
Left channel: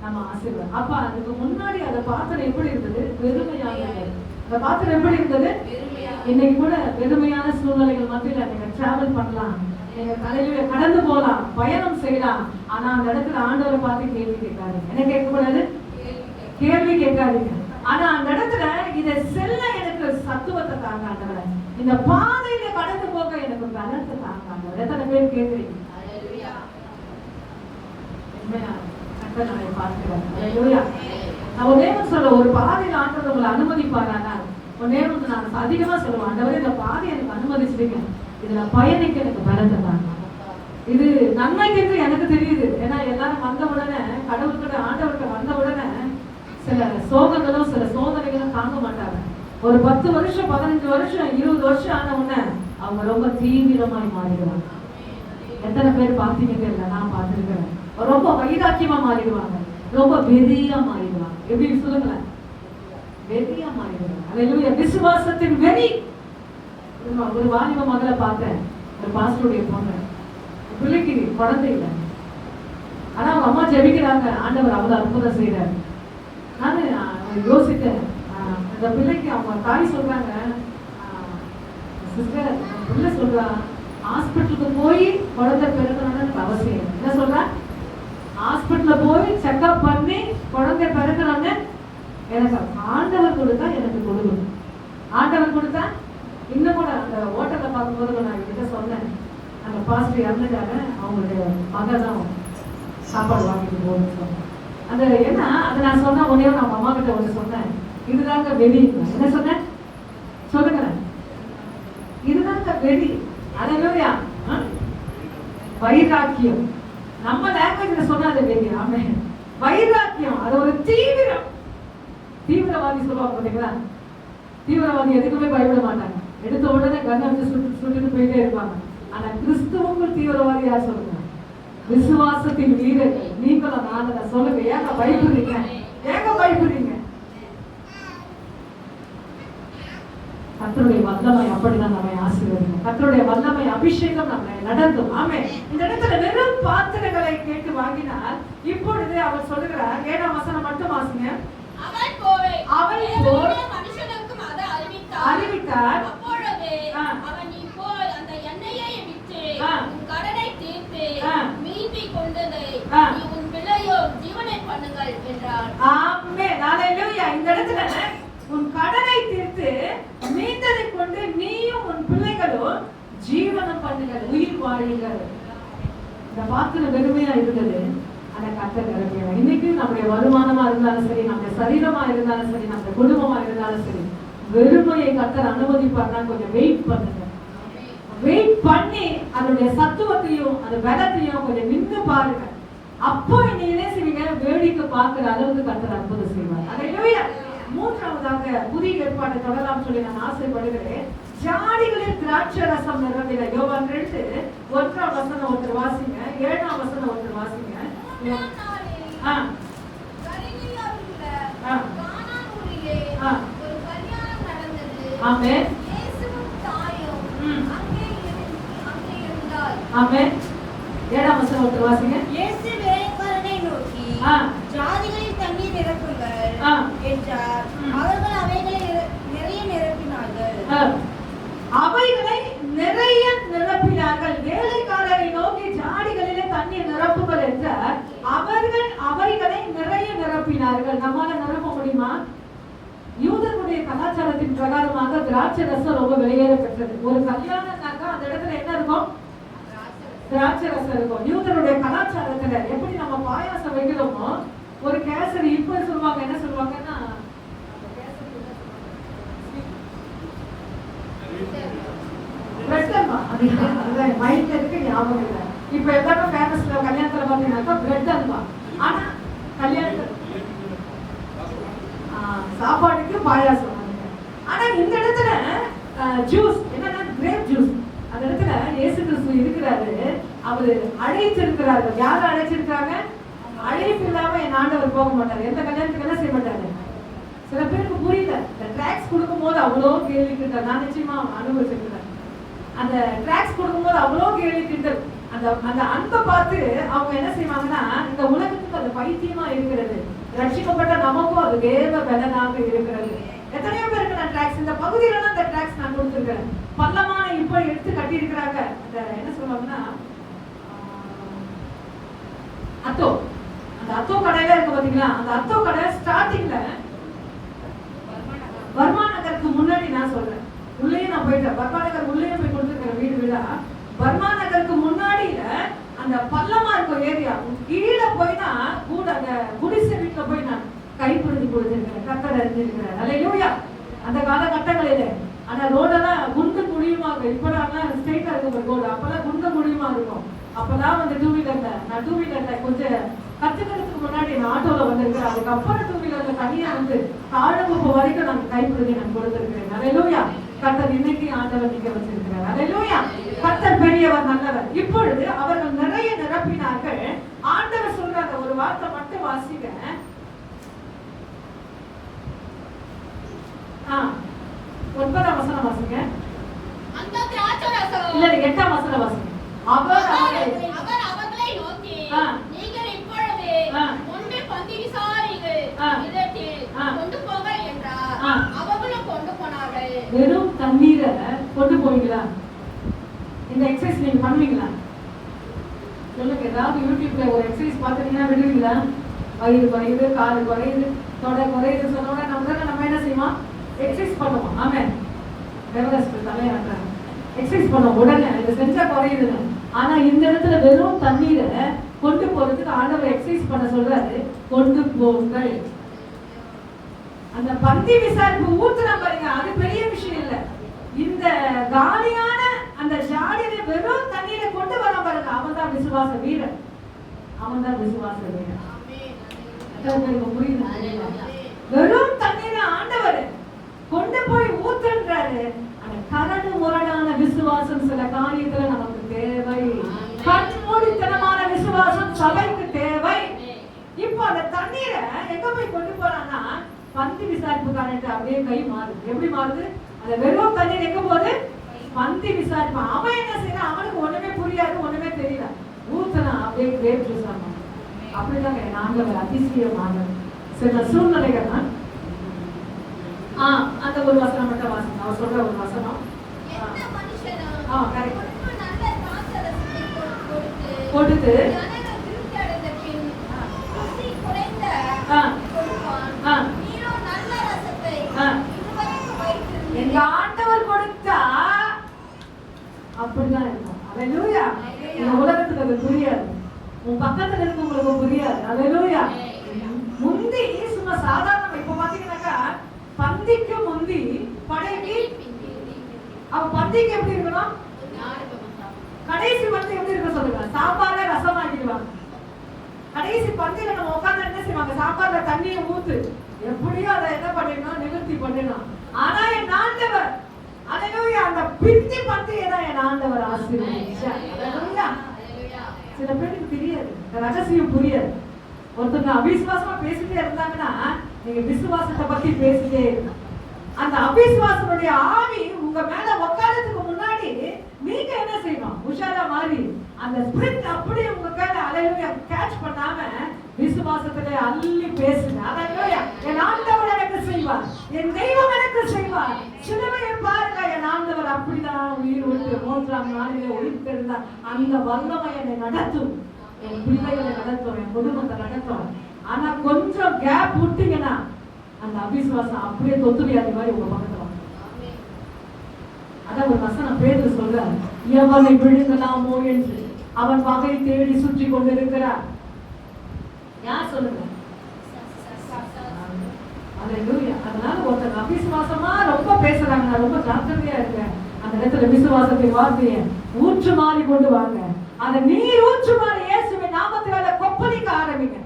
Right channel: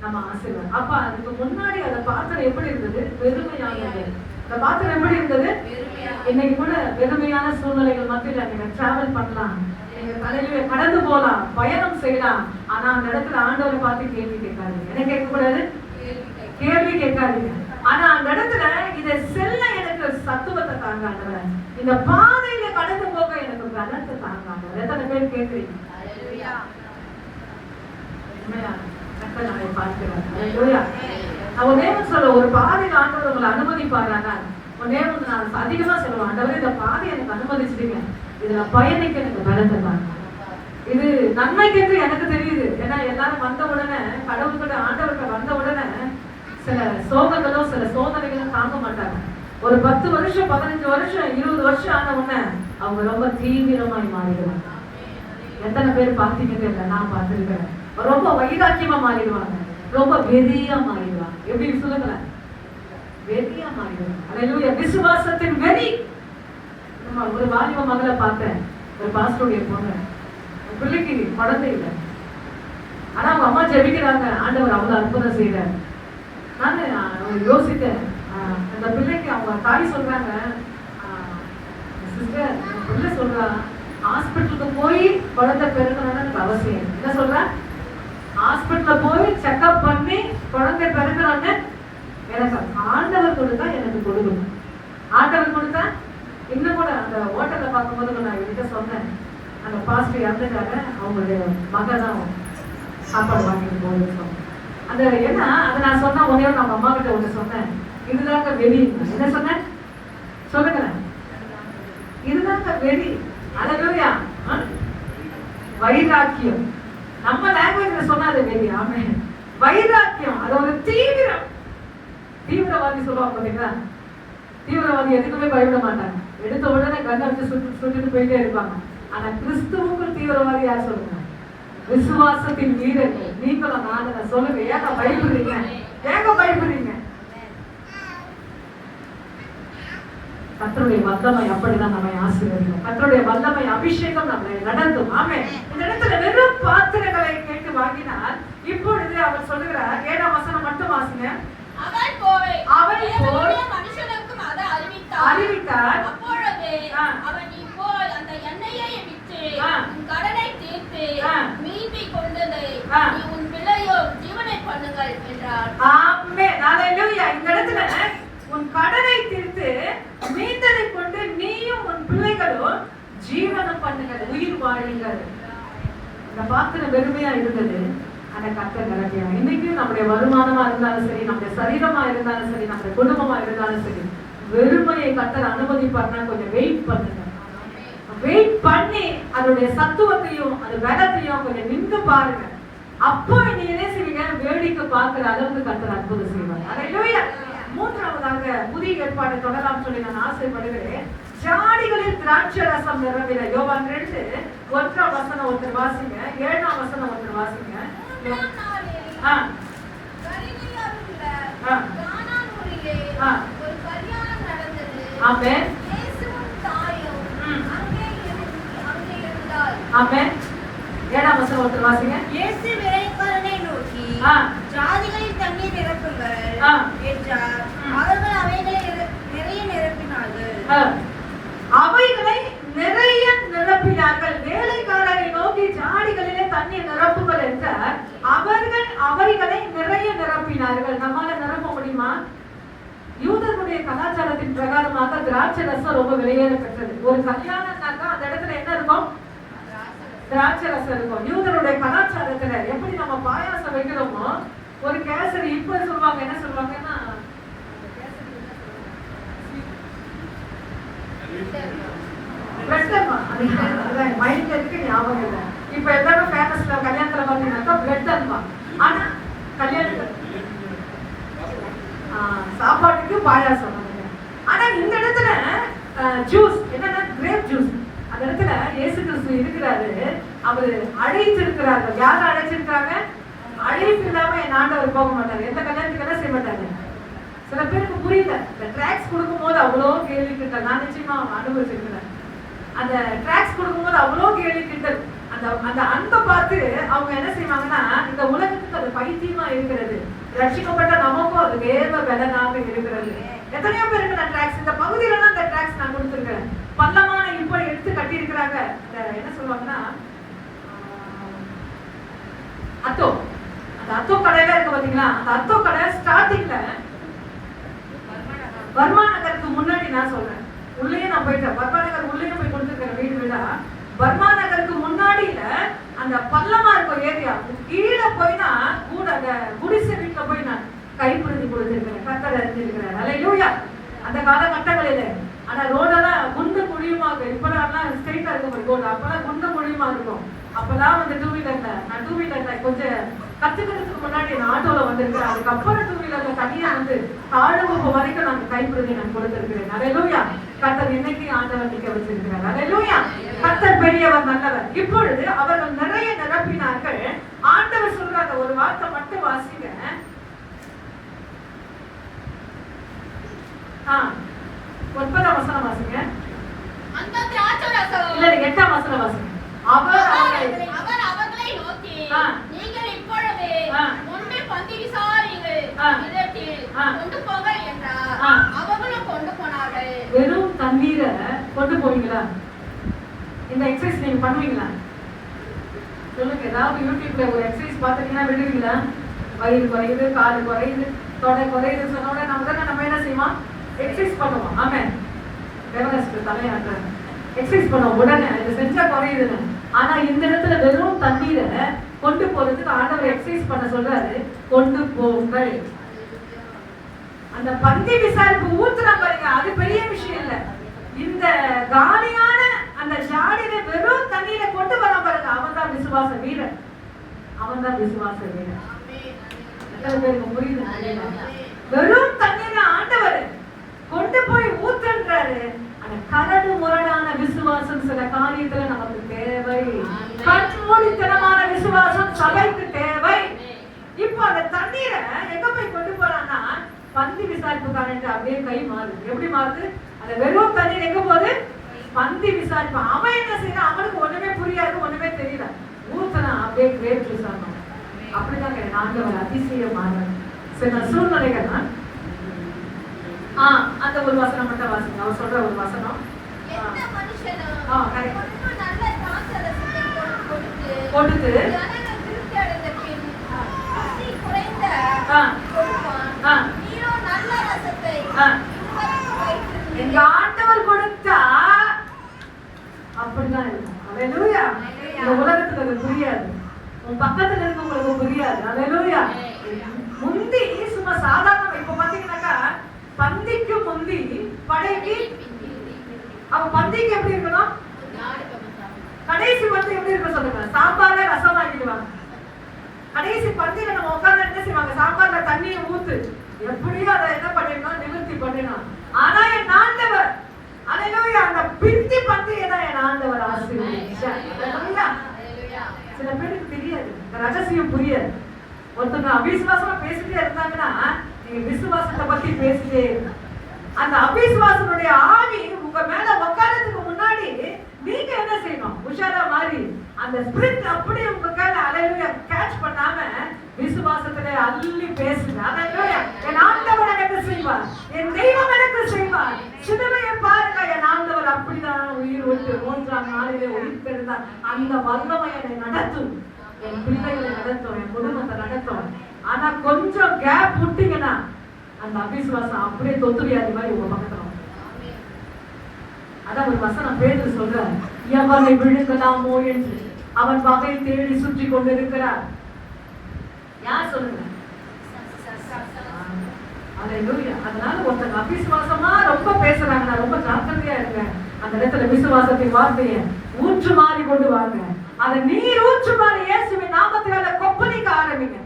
நம்ம ஆசீர்வாதம். அப்ப அதுக்கு முன்னாடி அந்த பாத்திரம் எப்படி இருந்தது? வெறுமையானது. அந்த பாத்திரம் எப்படி இருந்தது? இன்னைக்கு கூட வெறுமையான சூழ்நிலைகள் மத்தியில நீங்க டிராவல் பண்ணலாம், நீங்க தலையில கடந்து போலாம், பயணம் செய்யலாம். ஆனா அந்த இடத்துல ஆண்டவரை பார்த்து கேள்வி கேட்காதீங்க. என்ன கேட்க கூடாது? கேள்வி கேட்காதீங்க. ஆனா அந்த இடத்துல இதை செல்ல எனக்கு சத்துவத்தை தாங்க ஆண்டவர், இந்த பாதையில கடந்து போக எனக்கு பலத்தை தாங்க ஆண்டவர். எத்தனை பேர் கேட்கிறீங்க? ஒரு பாதையில் ஆண்டவர் உங்களை அனுமதிப்பாரானா, நான் அதிகமா சொல்லுவேன், ஆண்டவர் இந்த பாதையை எனக்கு அனுமதிச்சிருங்க, இதுல பயணிக்க எனக்கு பலத்தை தாங்க. இது நன்மைக்கு என்று எனக்கு தெரியுது. ஏன்னா எல்லாரும் வந்த உடனே, கடவுள்கிட்ட ஆண்டவர்கிட்ட வந்த உடனே சில சோகங்களும் சில சோதனைகளும் தாங்க மாட்டாங்க. ஒரு 10 வருஷம் 15 வருஷம் 20 வருஷம் ஆன உடனே அவங்க ரொம்ப தீவிரமாய் மாறிடுவாங்க. எத்தனை பேர் பார்த்தீங்கன்னு இல்லை, நான் பார்த்துருக்கிறேன். ரொம்ப வைராக்கியமா மாறிடுவாங்க, ரொம்ப வெறியா மாறிடுவாங்க. எப்படி சொல்லுங்களேன்? வெறியா மாறிடுவாங்க. அல்லேலூயா. விசுவாசத்தின் வெறி. ஒரு வாலிப மகளை பார்த்தேன், ஒரு பாஸ்டருடைய பொண்ணு, பிள்ளைக்கு குழந்தை இல்லை, ஆனா அவங்க அம்மா ஜெபிக்கிறாங்க, ஆண்டவர் அவ்வளவு அற்புதம் செய்யறாரு. நான் யோசித்தேன், அந்த பிள்ளைக்கு அவங்க தாய் சொல்றாங்க, சிஸ்டர் பிள்ளை சொல்றா ஹாஸ்பிட்டலுக்கு போய் குழந்தை பிறக்கணும்னு எனக்கு அவசியம். என்ன சொல்ற? ஹாஸ்பிட்டல்ல போய் செக்அப் பண்ணி குழந்தை பிறக்கணும்னு எனக்கு ஆண்டவர் கொடுத்தா எனக்கு கொடுக்கணும். ஆண்டவர் கொடுத்தா இன்னும் கூட அந்த ஹோட்டல்ல பார்க்கும்போது நான் என்கிட்ட சொன்னேன், அந்த பாஸ்டர் இறந்துட்டாங்க, அவங்களுடைய மகன் தான் சாப்பாடு வாங்கிட்டு போகுதுன்னு சொன்னேன். அந்த என்ன அதை நான் சொன்னா உடனே அவங்க அம்மா கிட்ட ஒன்று சொன்னேன், இதுதாங்க வெறி. என்ன சொன்னேன் சொல்லுங்க? இதுதாங்க வெறி. அல்லேலூயா. வைராக்கியம். நம்ம லாங்குவேஜ்ல சொன்னா அது வெறி. ஆமே. வைராக்கியம் அது ஒரு தீவிரம். தீவிரவாதி சொல்லுவாங்க பாத்தீங்களா? தீவிரவாதி எதுக்குமே பயப்பட மாட்டாங்க, எடுத்த உடனே கண்ணை வச்சு சுட்டுட்டு போயிட்டே இருப்பாங்க. ஆனா கிறிஸ்துவுக்குள் தீவிரவாதி யார் சொல்லுங்க? விசுவாசத்தின் வீரர்கள் நீங்களும் நானும். சொல்லுங்க, ஏங்க பயப்படுறீங்க? ஏங்க பயப்படுறீங்க? கர்த்தருடைய வல்லமை அப்படிதான் நம்மை ஆசீர்வதிக்கும். கர்த்தருடைய வல்லமை அபிஷேகம் நம்மை நடத்தும். ஆமே. இந்த இடத்துல வெறும் பாத்திரங்களை கேட்டு வாங்கினால், இப்பொழுது அவர் சொல்லுகிறார், 7ஆம் வசனம் மட்டும் வாசிங்க. அவன் போய் மனுஷனுக்கு அதை அறிவித்தார். அப்பொழுது அவன், நீ போய் அந்த எண்ணெயை விற்று உன் கடனை தீர்த்து மீதி கொண்டதை நீ உன் பிள்ளையோ ஜீவனை பண்ணுங்கள் என்றார். ஆமென். அல்லேலூயா. இந்த இடத்துல உன் கடனை தீர்த்து மீந்ததை கொண்டு நீயும் உன் பிள்ளைகளும் ஜீவனம் பண்ணுங்கள், உயிர் வாழுங்கள். இந்த பாத்திரம் வெறுமையா இருந்தது, அந்த கர்த்தர் நிரப்பினார். இன்னைக்கு நம்முடைய வருமானமா இருந்தாலும் சரி, நம்முடைய சரீரமா இருந்தாலும் சரி, நம்முடைய குடும்பமா இருந்தாலும் சரி, வெறுமையை கர்த்தர் அனுமதிப்பார்னா கொஞ்சம் வெயிட் பண்ணுங்க. வெயிட் பண்ணி அதனுடைய சத்துவத்தையும் அந்த பலத்தையும் கொஞ்சம் நின்று பாருங்க. அப்போ நீங்க என்ன செய்வீங்க? வேடிக்கை பார்க்கிற அளவுக்கு கர்த்தர் அற்புதம் செய்வார். அல்லேலூயா. மூன்றாவதாக புதிய ஏற்பாட்டை தொடரலாம் சொல்லி நான் ஆசைப்படுகிறேன். ஜாடிகளில் திராட்சை ரசம் நிரம்பின. யோவான் 2:1 ஒருத்தர் வாசிங்க, 7ஆம் வசனம் ஒருத்தர் வாசிங்க. ஆமென். ஆமென். 7ஆம் வசனம் ஒருத்தர் வாசிங்க. இயேசு வேலைக்காரனை நோக்கி, ஜாதிகளில் தண்ணீர் நிரப்புங்கள் என்றார். அவர்கள் அவைகளை நிறைய நிரப்பினார்கள். அவைகளை நிறைய நிரப்பினார்கள். வேலைக்காரரை நோக்கி ஜாடிகளிலே தண்ணீர் கலாச்சாரத்தின் பிரகாரமாக திராட்சை ரசம் ரொம்ப வெளியேற பெற்றது. ஒரு கல்யாணம்னாக்கா அந்த இடத்துல என்ன இருக்கும்? திராட்சை ரசம் இருக்கும். யூதருடைய கலாச்சாரத்துல எப்படி நம்ம பாயாசம் வைக்கிறோமோ, ஒரு கேசரி இப்ப சொல்லுவாங்க, என்ன சொல்லுவாங்கன்னா பிரெட் அல்வா. அதுதான் மைண்ட்ல இருக்கு, ஞாபகம் இல்லை. இப்ப எல்லாமே ஃபேமஸ்ல கல்யாணத்துல பாத்தீங்கன்னாக்கா பிரெட் அல்வா. ஆனா கல்யாணத்துல சாப்பாடுக்கு பாயாசம். ஆனா இந்த இடத்துல ஜூஸ் என்னன்னா கிரேப் ஜூஸ். அந்த இடத்துல இயேசு கிறிஸ்து இருக்கிறாரு, அவரு அழைச்சிருக்கிறாரு. யார அழைச்சிருக்காங்க? அழைப்பு இல்லாம என் ஆண்டவர் போக மாட்டாரு. எந்த கல்யாணத்துக்கு என்ன செய்ய மாட்டாரு. சில பேருக்கு புரியல. இந்த ட்ராக்ஸ் கொடுக்கும் போது அவ்வளோ கேள்வி கிட்டல். நான் நிச்சயமா அனுபவிச்சிருக்கிறேன். அந்த ட்ராக்ஸ் கொடுக்கும்போது அவ்வளோ கேள்வி கிட்டல். அந்த அன்பை பார்த்து அவங்க என்ன செய்வாங்கன்னா, இந்த உலகத்துக்கு அது பைத்தியமா இருக்கிறது, ரட்சிக்கப்பட்ட நமக்கும் அது வேத பலனாக இருக்கிறது. எத்தனையோ பேருக்கு நான் ட்ராக்ஸ் இந்த பகுதியில தான் அந்த ட்ராக்ஸ் நான் கொடுத்துருக்கேன். பள்ளமான இப்ப எடுத்து கட்டி இருக்கிறாங்க. அந்த என்ன சொல்லுவாங்கன்னா அத்தோ, அந்த அத்தோ கடையில இருக்கு பாத்தீங்களா? அந்த அத்தோ கடை ஸ்டார்டிங்ல வர்மா நகருக்கு முன்னாடி, நான் சொல்றேன், உள்ளே நான் போயிட்டேன். வர்மா நகர் உள்ளே போய் கொடுத்துருக்கேன் வீடு வீடா. வர்மா நகருக்கு முன்னாடியில அந்த பள்ளமா இருக்கும் ஏரியா, கீழே போய்னா கூட அந்த குடிசை வீட்டுல போய் நான் கைப்பிடிச்சு கொடுத்துருக்கிறேன். கட்டளை அறிஞ்சிருக்கிறேன். அல்லேலூயா. அந்த காலகட்டங்களில ஆனா ரோடெல்லாம் குண்டு குழியுமா இருக்கும். இப்பெல்லாம் ஸ்ட்ரெயிட்டா இருக்கும் ரோடு. அப்பெல்லாம் குண்டு குழியுமா இருக்கும். அப்பெல்லாம் வந்து டூ வீலர்ல, நான் டூ வீலர்ல கொஞ்சம் கத்துக்கிறதுக்கு முன்னாடி நான் ஆட்டோல வந்திருக்கிறேன். அதுக்கப்புறம் டூ வீலர்ல தனியா வந்து தாழ்வகுப்பு வரைக்கும் நான் கைப்பிடிச்சு நான் கொடுத்திருக்கிறேன். அல்லேலூயா. கர்த்தர் இன்னைக்கு ஆண்டவர் நிக்க வச்சிருக்கிறார். அல்லேலூயா. கர்த்தர் பெரியவர், நல்லவர். இப்பொழுது அவர்கள் நிறைய நிரப்பினார்கள். ஆண்டவர் சொல்றாங்க, ஒரு வார்த்தை மட்டும் வாசிங்க. 9ஆம் வசனம் வாசிங்க. அந்த திராட்சரசம் இல்ல 8ஆம் வசனம் வாசிங்க. அவர் அவர்களை நோக்கி, நீங்கள் இப்பொழுது முன்பே பந்தி விசாரிங்கள், இதத்தில் கொண்டு போக என்றார். அவர்களும் கொண்டு போனார்கள். வெறும் தண்ணீரை கொண்டு போவீங்களா? இந்த எக்ஸசைஸ் நீங்க பண்ணுவீங்களா? சொல்லுங்க. ஏதாவது யூடியூப்ல ஒரு எக்ஸசைஸ் பாத்தீங்கன்னா விடுவீங்களா? வயிறு குறையுது, காலு குறையுது, தொடை குறையுது சொன்ன உடனே நம்ம என்ன செய்வோம்? எக்ஸசைஸ் பண்ணுவோம். ஆமென். ரெவரன்ஸ் தலையாட்டுறாங்க. எக்ஸசைஸ் பண்ண உடனே இது செஞ்சா குறையுதுன்னு. ஆனா இந்த இடத்துல வெறும் தண்ணீரை கொண்டு போறதுக்கு ஆண்டவர் எக்ஸசைஸ் பண்ண சொல்றாரு. கொண்டு போங்கள். அந்த பந்தி விசாரிப்பு ஊத்துறா பாருங்க, அது பெரிய விஷயம் இல்ல. இந்த காலியான அந்த ஜாடியில வெறும் தண்ணீரை கொண்டு வர பாருங்க, அவன் தான் விசுவாச வீரன். அவன் தான் விசுவாச வீரன். புரியுது? வெறும் தண்ணீரை ஆண்டவர் கொண்டு போய் ஊத்துன்றாரு. அந்த கரடு முரடான விசுவாசம் சில காரியத்துல நமக்கு தேவை. கண்மூடித்தனமான விசுவாசம் சபைக்கு தேவை. இப்ப அந்த தண்ணீரை எங்க போய் கொண்டு போறான்னா, பந்தி விசாரிப்புக்காரன் அப்படியே கை மாறுது. எப்படி மாறுது? அந்த வெறும் தண்ணீர் எங்க போகுது? பந்தி விசாரிப்பு. அவன் என்ன செய்யறான்? அவனுக்கு ஒண்ணுமே புரியாது, ஒண்ணுமே தெரியல. ஊத்துனா அப்படியே கிரேப் ஜூஸ் ஆகும். அப்படிதான் ஆண்டவர் அதிசயமான சில சூழ்நிலைகள். அந்த ஒரு வசனம் மட்டும் வாசிங்க. அவர் சொல்ற ஒரு வசனம். கொடுத்து எங்க ஆண்டவர் கொடுத்தா அப்படிதான் இருக்கும். அல்லேலூயா. இந்த உலகத்துக்கு அது புரியாது. உன் பக்கத்துல இருக்கவங்களுக்கு புரியாது. அல்லேலூயா. முந்தி சும்மா சாதாரண இப்ப பாத்தீங்கன்னாக்கா பந்திக்கு முந்தி படைக்கு. அப்ப பந்திக்கு எப்படி இருக்கணும்? கடைசி வந்து எப்படி இருக்க சொல்லுங்க? சாம்பார்ல ரசம் ஆக்கிடுவாங்க. கடைசி பந்தியில நம்ம உட்கார்ந்து என்ன செய்வாங்க? சாம்பார்ல தண்ணியை ஊத்து, எப்படியோ அதை என்ன பண்ணிடணும்? நிவர்த்தி பண்ணிடணும். ஆனா என் ஆண்டவர், அல்லேலூயா, அந்த பிந்தி பந்தியை தான் என் ஆண்டவர் ஆசீர்வதிச்சார். அல்லேலூயா. சில பேருக்கு தெரியாது, இந்த ரகசியம் புரியாது. ஒருத்தங்க அவிசுவாசமா பேசிட்டே இருந்தாங்கன்னா நீங்க விசுவாசத்தை பத்தி பேசிட்டே இருங்க. அந்த அவிசுவாசனுடைய ஆவி உங்க மேல உட்காரத்துக்கு முன்னாடி நீங்க என்ன செய்யணும்? உஷாரா மாறி அந்த ஸ்பிரிட் அப்படியே உங்க கையில அல்லேலூயா கேட்ச் பண்ணாம விசுவாசத்திலே அள்ளி பேசுங்க. அல்லேலூயா. என் ஆண்டவர் எனக்கு செய்வார், என் தெய்வம் எனக்கு செய்வார். சிலுவையை பாருங்க, என் ஆண்டவர் அப்படிதான் உயிர் விட்டு 3ஆம் நாளிலே உயிர்த்தெழுந்தார். அந்த வல்லமை என்னை நடத்தும், என் பிள்ளைகளை நடத்தும், என் குடும்பத்தை நடத்தும். ஆனா கொஞ்சம் கேப் விட்டீங்கன்னா அந்த அவிசுவாசம் அப்படியே தொத்து வியாதி மாதிரி உங்க பக்கத்துல வரும். அதான் ஒரு வசனம் பேதுரு சொல்றார், எவனை விழுங்கலாமோ என்று அவன் வகை தேடி சுற்றி கொண்டிருக்கிறார். யார் சொல்லுங்க? அதனால ஒருத்தங்க அவிசுவாசமா ரொம்ப பேசுறாங்க, நான் ரொம்ப ஜாக்கிரதையா இருக்கேன். அந்த இடத்துல விசுவாசத்தை வார்த்தையை ஊற்று மாறி கொண்டு வாங்க. அதை நீர் ஊற்று மாறி இயேசுவின் நாமத்தினால கொப்பளிக்க ஆரம்பிங்க.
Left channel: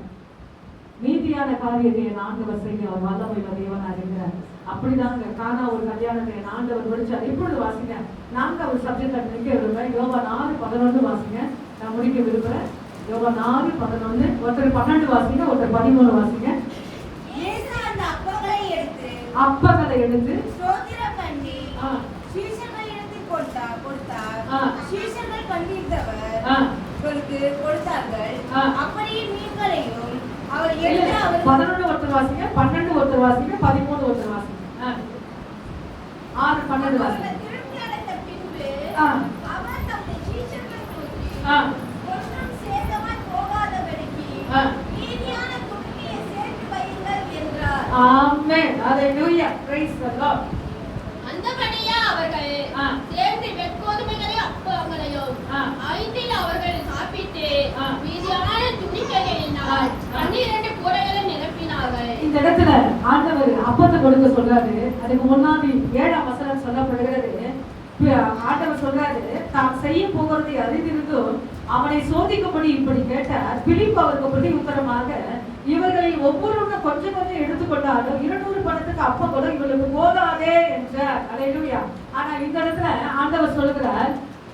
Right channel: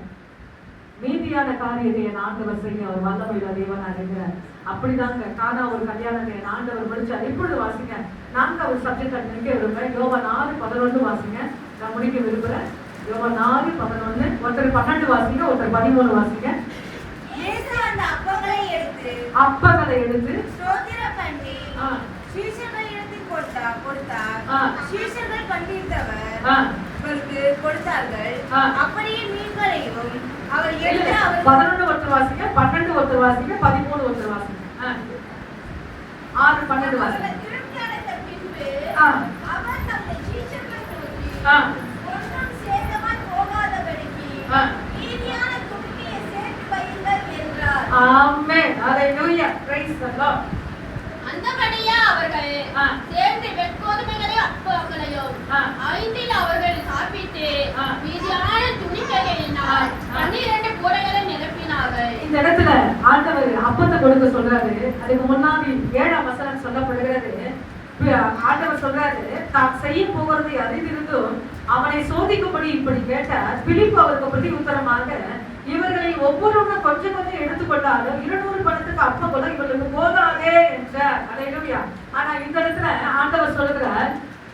நீதியான காரியத்தை என் ஆண்டவர் செய்ய அவர் வல்லமையுள்ள தேவனா இருக்கிறார். அப்படிதாங்க கானா ஒரு கல்யாணத்தை என் ஆண்டவர் முடிச்சார். இப்பொழுது வாசிங்க, 4வது சப்ஜெக்ட் நிக்க விரும்புறேன். யோவான் 4:11 வாசிங்க. நான் முடிக்க விரும்புறேன். யோவான் 4:11. ஒருத்தர் 12 வாசிங்க, ஒருத்தர் 13 வாசிங்க. அப்பங்களை எடுத்து ஸ்தோத்திரம் பண்ணி சீஷர்களிடத்தில் கொடுத்தார். சீஷர்கள் பண்டித்தவர்களுக்கு கொடுத்தார்கள். அப்படியே மீன்களையும் அவர் எடுத்து 11 ஒருத்தர் வாசிங்க, 12 ஒருத்தர் வாசிங்க, 13 ஒருத்தர் வாசிங்க. 6, 12 வாசிங்க. திருப்தி அடைந்த பின்பு அவர் தம்முடைய சீஷர்களை நோக்கி ஒன்றும் சேதமாய் போகாதபடிக்கு நீதியான துணியை சேர்த்து வையுங்கள் என்றார். ஆமென். ஹalleluya. praise the lord. அந்தபடியே அவர்கள் சேர்ந்து வெட்கோதுமைகளையும் அப்பங்களையும் 5 அவர்கள் சாப்பிட்டு மீதியான துணிக்கைகளினால் 12 கூடைகளை நிரப்பினார்கள். இந்த இடத்துல ஆண்டவர் அப்பத்தை கொடுக்க சொல்றாரு. அதுக்கு முன்னாடி 7ஆம் வசனம் சொல்லப்படுகிறது. ஆண்டவர் சொல்றாரு, தான் செய்ய போகிறதை அறிந்திருந்தும் அவனை சோதிக்கும்படி இப்படி கேட்டார். பிலிப்பு அவருக்கு பிரதி உத்தரமாக, இவர்களை ஒவ்வொருவரும் கொஞ்சம் கொஞ்சம் எடுத்துக்கொண்டாலும் 200 பணத்துக்கு அப்பம் கூட இவர்களுக்கு போதாதே என்றார். அல்லேலூயா. ஆனா இந்த இடத்துல ஆண்டவர் சொல்லுகிறார்,